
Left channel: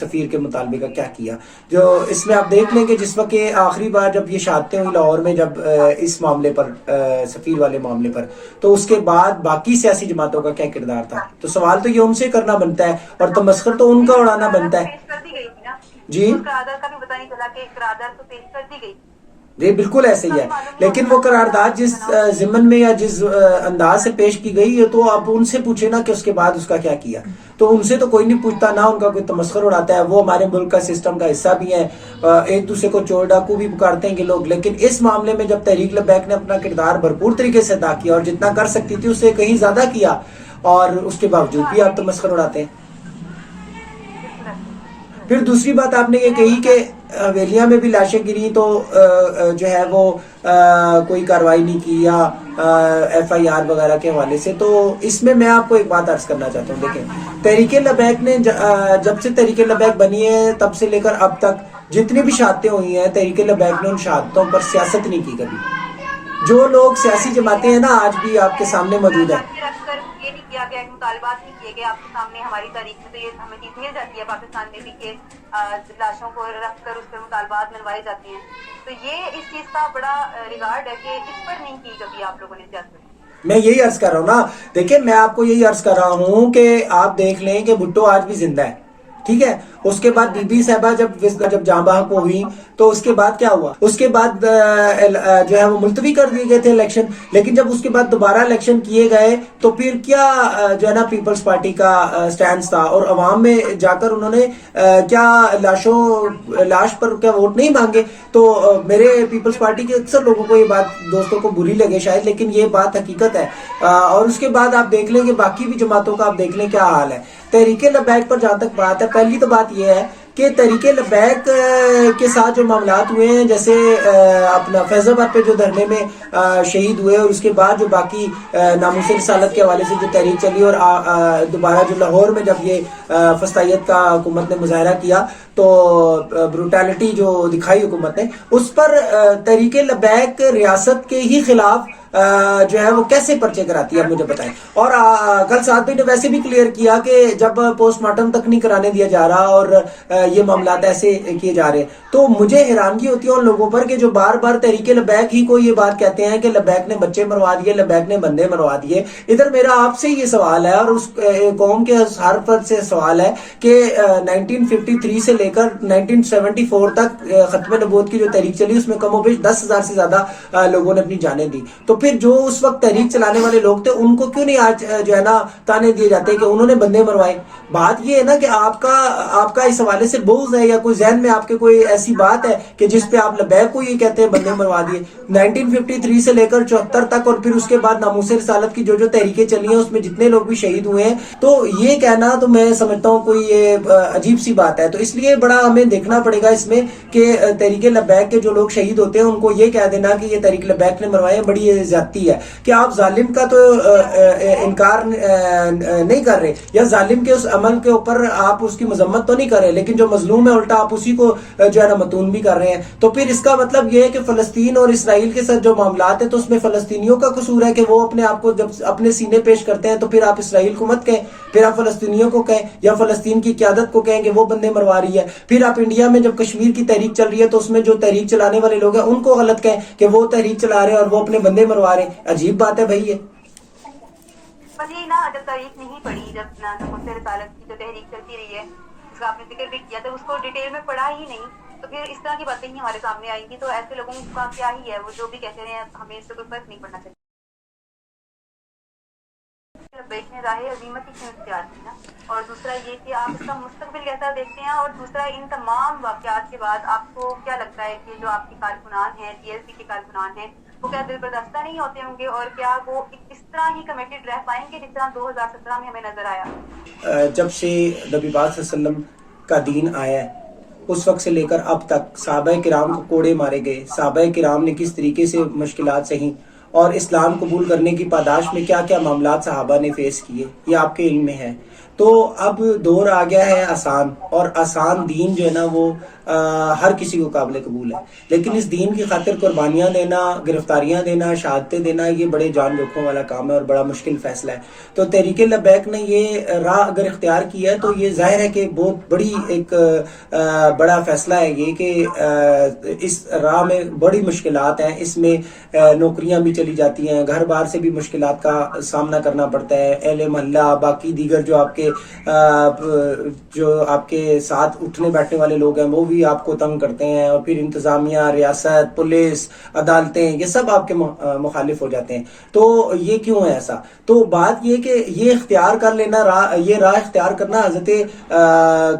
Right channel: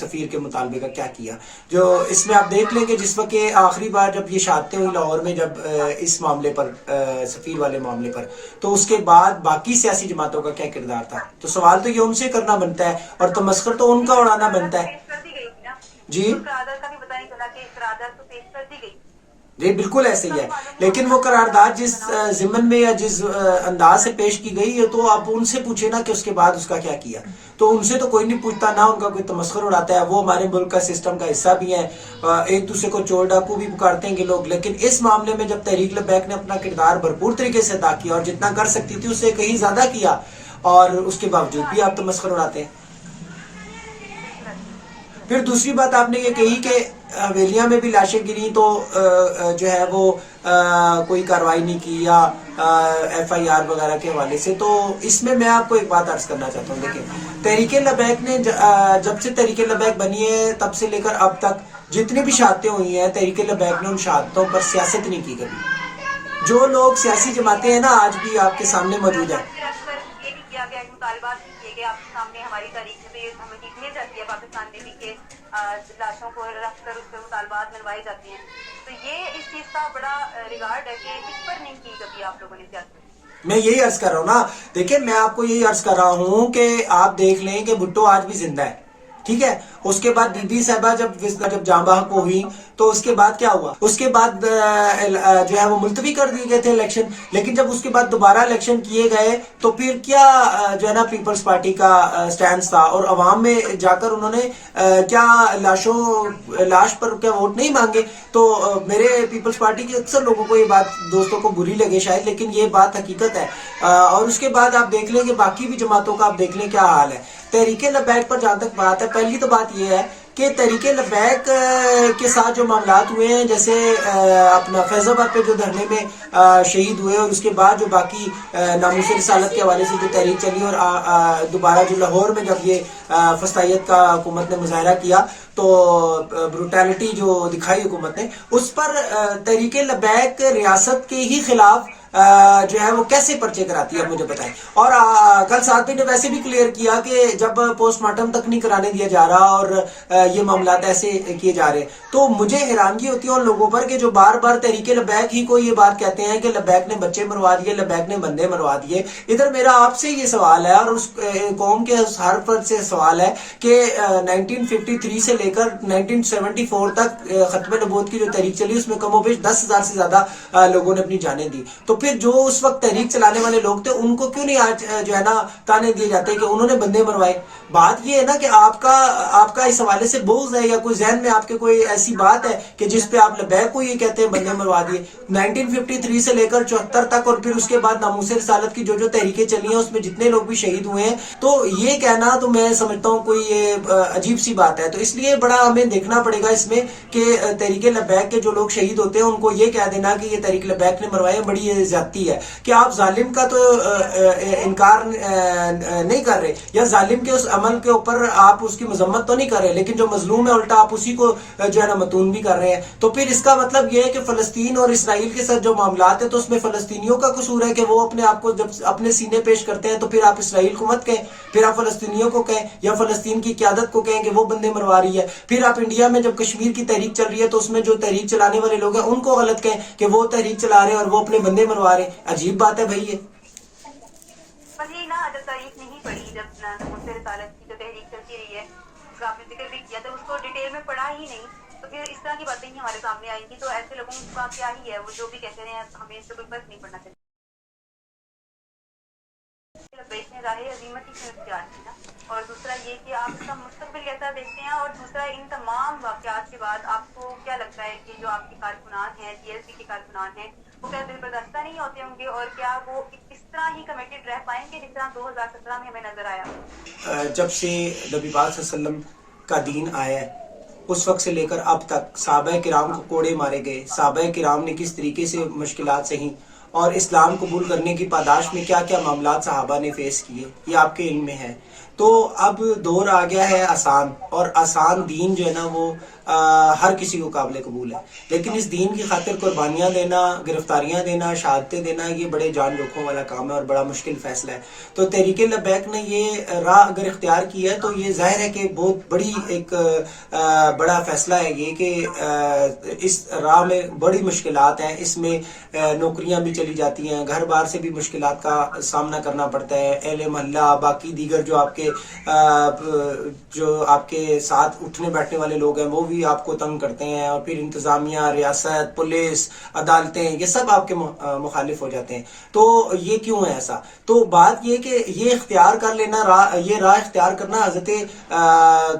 सफीर के मुतालबे का क्या किया। जो इसमें आप देख लें कि जिस वक्त आखिरी बार जब ये शहादतें हुई लाहौर में, जब इस मामले पर सफीर वाले मामले पर, तो उसके बाद बाकी सियासी जमातों का क्या किरदार था? तो सवाल तो ये उनसे करना बनता है और तमस्खुर तो उनका उड़ाना बनता है। जी करारदाद का भी पता नहीं चला कि करारदाद तो पेश कर दी गई। जी बिल्कुल ऐसे ही है, लेकिन वो करारदाद जिस जिम्मन में या जिस अंदाज से पेश की गई है, तो आप उनसे पूछे ना कि उसके बाद उसका क्या किया। तो उनसे तो कोई नहीं पूछता, ना उनका कोई तमस्खुर उड़ाता है। वो हमारे मुल्क का सिस्टम का हिस्सा भी है, एक दूसरे को चोर डाकू भी पुकारते हैं कि लोग। लेकिन इस मामले में जब तहरीक लब्बैक ने अपना किरदार भरपूर तरीके से अदा किया और जितना कर सकती थी उससे कहीं ज्यादा किया, और उसके बावजूद भी आप तमस्खुर उड़ाते हैं। फिर दूसरी बात आपने ये कही कि हवेलियां में भी लाशें गिरी तो जो है वो कोई कार्रवाई नहीं की या FIR वगैरह के हवाले से। तो इसमें मैं आपको एक बात अर्ज करना चाहता हूँ। देखें, तहरीक लब्बैक ने जब से तहरीक लब्बैक बनी है तब से लेकर अब तक जितनी भी शहादतें हुई हैं, तहरीक लब्बैक ने उन शहादतों पर सियासत नहीं की कभी। जो लोग सियासी जमातें हैं ना, आज भी आपके सामने मौजूद है। मुतालबात भी किए गए आपके सामने हमारी तारीख में, तो ये हमें मिल जाती है पाकिस्तान में भी कि लाशों को रख कर उस पर मुतालबात मनवाई जाती हैं। तो ये इस चीज का बड़ा रिगार्ड है कि इस पर नहीं की कभी आप लोगों ने सियासत। मैं यही अर्ज कर रहा हूँ ना, देखिए मैं आपको यही अर्ज कर रहा हूँ कि आप देख लें कि भुट्टो आज भी जिंदा है, ठीक है। उसके बाद बीबी साहबा जब जांबा को हुई तो उसके बाद क्या हुआ? उसके बाद जो है वो मुलतवी कर दिए गए थे इलेक्शन। लेकिन जब उसके बाद दोबारा इलेक्शन किए गए तो फिर क्या जो है ना पीपल्स पार्टी का स्टैंड था और अवाम में जाकर उन्होंने क्या लाश पर क्या वोट नहीं मांगे। तो मेरे पीपल्स पार्टी के अक्सर लोगों को ये बात, दोस्तों को बुरी लगे शायद, लेकिन ये बात हकीकत है। और उसके बाद आप देख लें कि बाकी भी जमातों का आप देख लें क्या हाल है। तहरीक लब्बैक पर जहां तक बात है, पहली तो बात यह है कि तहरीक लब्बैक के साथ जो मामलात हुए हैं, जैसे अपना फैजाबाद पे जो धरने में शहीद हुए और उसके बाद जो बाकी नामूस रिसालत के हवाले से जो तहरीक चली और दोबारा जो लाहौर में जब ये फस्तायत का हुकूमत ने मुजाहरा किया तो ब्रूटैलिटी जो दिखाई हुकूमत ने, उस पर तहरीक लब्बैक रियासत के ही खिलाफ जो है वो कैसे पर्चे कराती है, मुझे बताएं। और कल साथ ने वैसे भी क्लियर किया कि जब पोस्टमार्टम तक नहीं कराने दिया जा रहा और ये मामलात ऐसे किए जा रहे हैं, तो मुझे हैरानगी होती है उन लोगों पर कि जो बार बार तहरीक लब्बैक ही को ये बात कहते हैं कि लब्बैक ने बच्चे मरवा दिए, लब्बैक ने बंदे मरवा दिए। इधर मेरा आपसे ये सवाल है और उस कौम के हर फर्द से सवाल है कि 1953 से लेकर 1974 तक खत्म नबूवत की जो तहरीक चली उसमें कमोबेश 10,000 से ज्यादा लोगों ने अपनी जानें दी। तो پھر جو اس وقت تحریک چلانے والے لوگ تھے ان کو کیوں نہیں آج جو ہے نا تانے دیے جاتے کہ انہوں نے بندے مروائے؟ بات یہ ہے نا کہ آپ کا اس حوالے سے بغض ہے یا کوئی ذہن میں آپ کے کوئی ایسی بات ہے کہ جس پہ آپ لبیک کو یہ کہتے ہیں بندے مروا دیے. 1953 سے لے کر 74 تک اور پھر اس کے بعد ناموس رسالت کی جو تحریکیں چلی ہیں اس میں جتنے لوگ بھی شہید ہوئے ہیں, تو یہ کہنا تو میں سمجھتا ہوں کوئی یہ عجیب سی بات ہے. تو اس لیے بڑا ہمیں دیکھنا پڑے گا اس میں کہ تحریک لبیک کے جو لوگ شہید ہوتے ہیں ان کو یہ کہہ دینا کہ یہ تحریک لبیک نے مروائے بڑی یہ زیادتی ہے کہ آپ ظالم کا تو انکار نہیں کر رہے یا ظالم کے اس عمل کے اوپر آپ اس کی مذمت تو نہیں کر رہے, لیکن جو مظلوم ہے الٹا آپ اسی کو جو ہے نا متون بھی کر رہے ہیں. تو پھر اس کا مطلب یہ ہے کہ فلسطین اور اسرائیل کے ساتھ جو معاملات ہیں تو اس میں فلسطینیوں کا قصور ہے کہ وہ اپنے آپ کو جب اپنے سینے پیش کرتے ہیں تو پھر آپ اسرائیل کو مت کہیں, پھر آپ فلسطینیوں کو کہیں یا فلسطین کی قیادت کو کہیں کہ وہ بندے مروا رہی ہے. پھر آپ انڈیا میں جب کشمیر کی تحریک چل رہی ہے تو اس میں جو تحریک چلانے والے لوگ ہیں ان کو غلط کہیں کہ وہ تحریک چلا رہے ہیں اور وہ اپنے بندے مروا رہے ہیں. عجیب بات ہے بھائی یہ. بس یہی نا, جب تاریخ نہیں پڑھی, جب ناموس رسالت کی جو تحریک چلتی رہی ہے اس کا آپ نے ذکر بھی کیا, تو اس کو ڈیٹیل میں پڑھا ہی نہیں, تو پھر اس طرح کی باتیں ہی ہمارے سامنے آئیں گی. تو ایسے لوگوں کا کیا ہی ہے, وہ جو بھی کہتے ہیں ہمیں اس سے کوئی فرق نہیں پڑنا چاہیے. لبیک نے راہ عظیمت ہی کیوں اختیار کی نا, اور دوسرا یہ کہ آپ اس کا مستقبل کیسا دیکھتے ہیں, اور دوسرا ان تمام واقعات کے بعد آپ کو کیا لگتا ہے کہ جو آپ کے کارکنان ہیں, TLC کے کارکنان ہیں, وہ کیا دل برداشتہ نہیں ہوتے ہوں گے, اور کیا وہ اس طرح ہی کمیٹڈ رہ پائیں گے جس طرح 2017 میں ہمیں نظر آیا؟ جب سے نبی پاک صلی اللہ علیہ وسلم کا دین آیا ہے اس وقت سے لے کر اب تک صحابہ کرام کو کوڑے مارے گئے, صحابہ کرام نے کس طریقے سے مشکلات سہیں اور اسلام قبول کرنے کی پاداش میں کیا کیا معاملات صحابہ نے فیس کیے, یہ آپ کے علم میں ہے. تو اب دور آ گیا ہے آسان, اور آسان دین جو ہے نا وہ ہر کسی کو قابل قبول ہے, لیکن اس دین کی خاطر قربانیاں دینا, گرفتاریاں دینا, شہادتیں دینا یہ بڑے جان جوکھوں والا کام ہے اور بڑا مشکل فیصلہ ہے. تو تحریک لبیک نے یہ راہ اگر اختیار کیا ہے تو یہ ظاہر ہے کہ بہت بڑی ایک بڑا فیصلہ ہے یہ کہ اس راہ میں بڑی مشکلات ہیں, اس میں نوکریاں بھی چلی جاتی ہیں, گھر بار سے بھی مشکلات کا سامنا کرنا پڑتا ہے, اہل محلہ باقی دیگر جو آپ کے ساتھ اٹھنے بیٹھنے والے لوگ ہیں وہ بھی آپ کو تنگ کرتے ہیں, اور پھر انتظامیہ, ریاست, پولیس, عدالتیں یہ سب آپ کے مخالف ہو جاتے ہیں. تو یہ کیوں ہے ایسا؟ تو بات یہ کہ یہ اختیار کر لینا, یہ راہ اختیار کرنا حضرت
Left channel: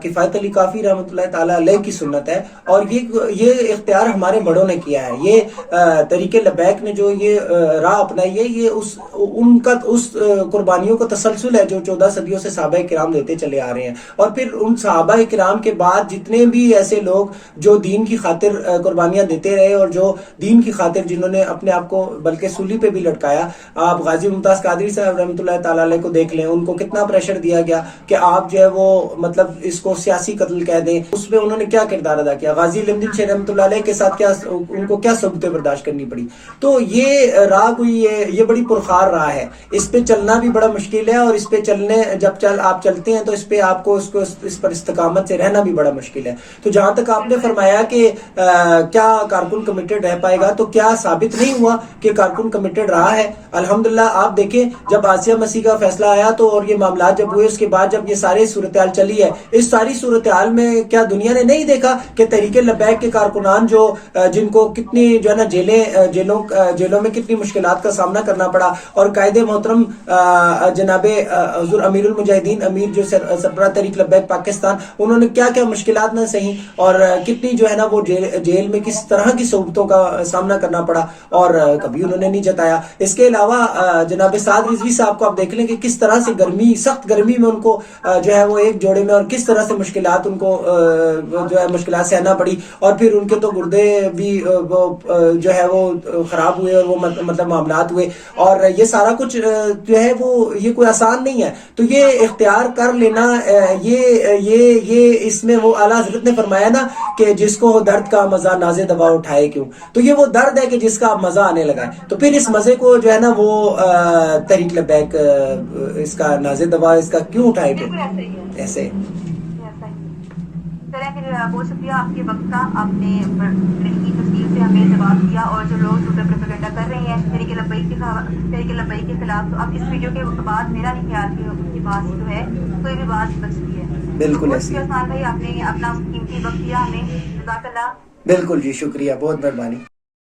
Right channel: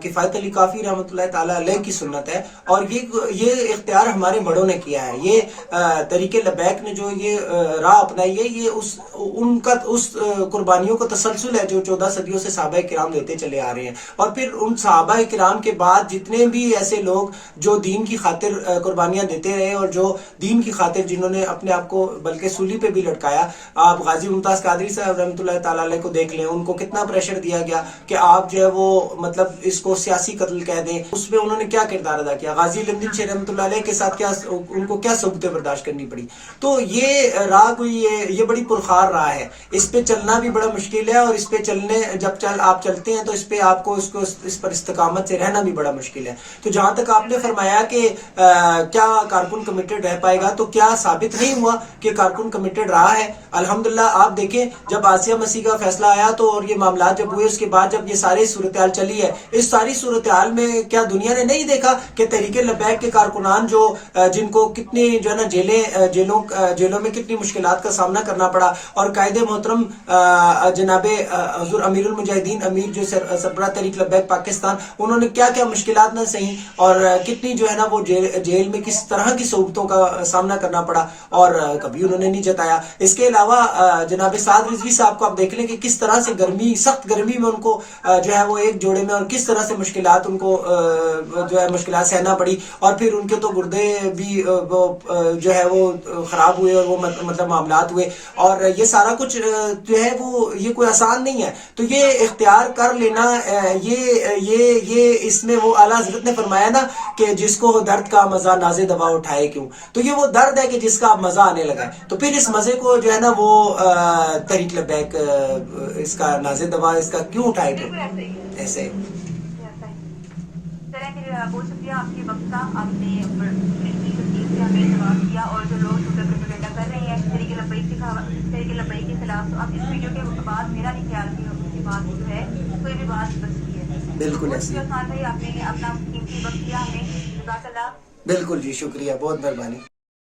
کفایت علی کافی رحمۃ اللہ تعالی علیہ کی سنت ہے, اور یہ اختیار ہمارے بڑوں نے کیا ہے. یہ طریق لبیک نے جو یہ راہ اپنائی ہے یہ ان کا اس قربانیوں کو تسلسل ہے جو 14 صدیوں سے صحابہ کرام دیتے چلے آ رہے ہیں. اور پھر ان صحابہ کرام کے بعد جتنے بھی ایسے لوگ جو دین کی خاطر قربانیاں دیتے رہے اور جو دین کی خاطر جنہوں نے اپنے آپ کو بلکہ سولی پہ بھی لٹکایا, آپ غازی ممتاز قادری صاحب رحمۃ اللہ تعالی علیہ کو دیکھ لیں, ان کو کتنا پریشر دیا گیا کہ آپ جو ہے وہ مطلب اس کو سیاسی قتل کہہ دیں, اس میں انہوں نے کیا کردار ادا کیا. غازی لمدین شیخ رحمۃ اللہ علیہ کے ساتھ کیا ان کو کیا صعوبتیں برداشت کرنی پڑی. تو یہ راہ کوئی یہ بڑی پرخار راہ ہے, اس پہ چلنا بھی بڑا مشکل ہے, اور اس پہ چلنے جب آپ چلتے ہیں تو اس پہ آپ کو اس پر استقامت سے رہنا بھی بڑا مشکل ہے. تو جہاں تک آپ نے فرمایا کہ کیا کارکن کمیٹڈ رہ پائے گا, تو کیا ثابت نہیں ہوا کہ کارکن کمیٹڈ رہا ہے؟ الحمدللہ آپ دیکھیں جب آسیہ مسیح کا فیصلہ آیا تو اور یہ معاملات جب ہوئے اس کے بعد جب یہ ساری صورتحال چلی ہے, اس ساری صورتحال میں کیا دنیا نے نہیں دیکھا کہ تحریک لبیک کے کارکنان جن کو کتنی جو ہے نا جیلوں میں کتنی مشکلات کا سامنا کرنا پڑا, اور قائد محترم جناب حضور امیر المجاہدین امیر جو سربراہ تحریک لبیک پاکستان, انہوں نے کیا کیا مشکلات نہ سہیں اور کتنی جو ہے نا وہ جیل میں کس طرح کی صعوبتوں کا سامنا کرنا پڑا, اور کبھی انہوں نے نہیں جتایا. اس کے علاوہ جناب سعد رضوی صاحب کو آپ دیکھ لیں کہ کس طرح سے سخت گرمی میں ان کو جو ہے وہ ایک جوڑے میں اور کس طرح سے مشکلات ان کو جو ہے مشکلات سہنا پڑی, اور پھر ان کے تو گردے بھی جو ہے وہ خراب ہوئے اور وہ مطلب معاملات ہوئے, اور یہ سارا کچھ جو ہے وہ یہ کوئی آسان نہیں ہے. تو یہ اختیار کر لینا یہ اس میں وہ اعلیٰ حضرت نے فرمایا نا کہ جس کو ہو درد کا مزہ نازے دوا اٹھائے کیوں, تو یہ وہ درد ہے کہ جس کا اب مزہ آنے لگا ہے. تو پھر اس مزے کو جو ہے نا وہ تحریک لبیک اس کا نازے دوا اس کا کیوں اٹھائے کیوں ایسے. بہت شکریہ آپ کے وقت کا, آپ نے تفصیل سے ہمیں جواب دیا, اور جو لوگ پروپیگنڈا کر رہے ہیں تحریک لبیک کے خلاف, تو اب اس ویڈیو کے بعد میرا نہیں خیال کہ بات جو ہے کوئی بھی بات بچ سکتی ہے. بالکل ایسی بھائی آپ نے اپنا قیمتی وقت دیا ہمیں, جزاک اللہ. بالکل جی, شکریہ, بہت مہربانی.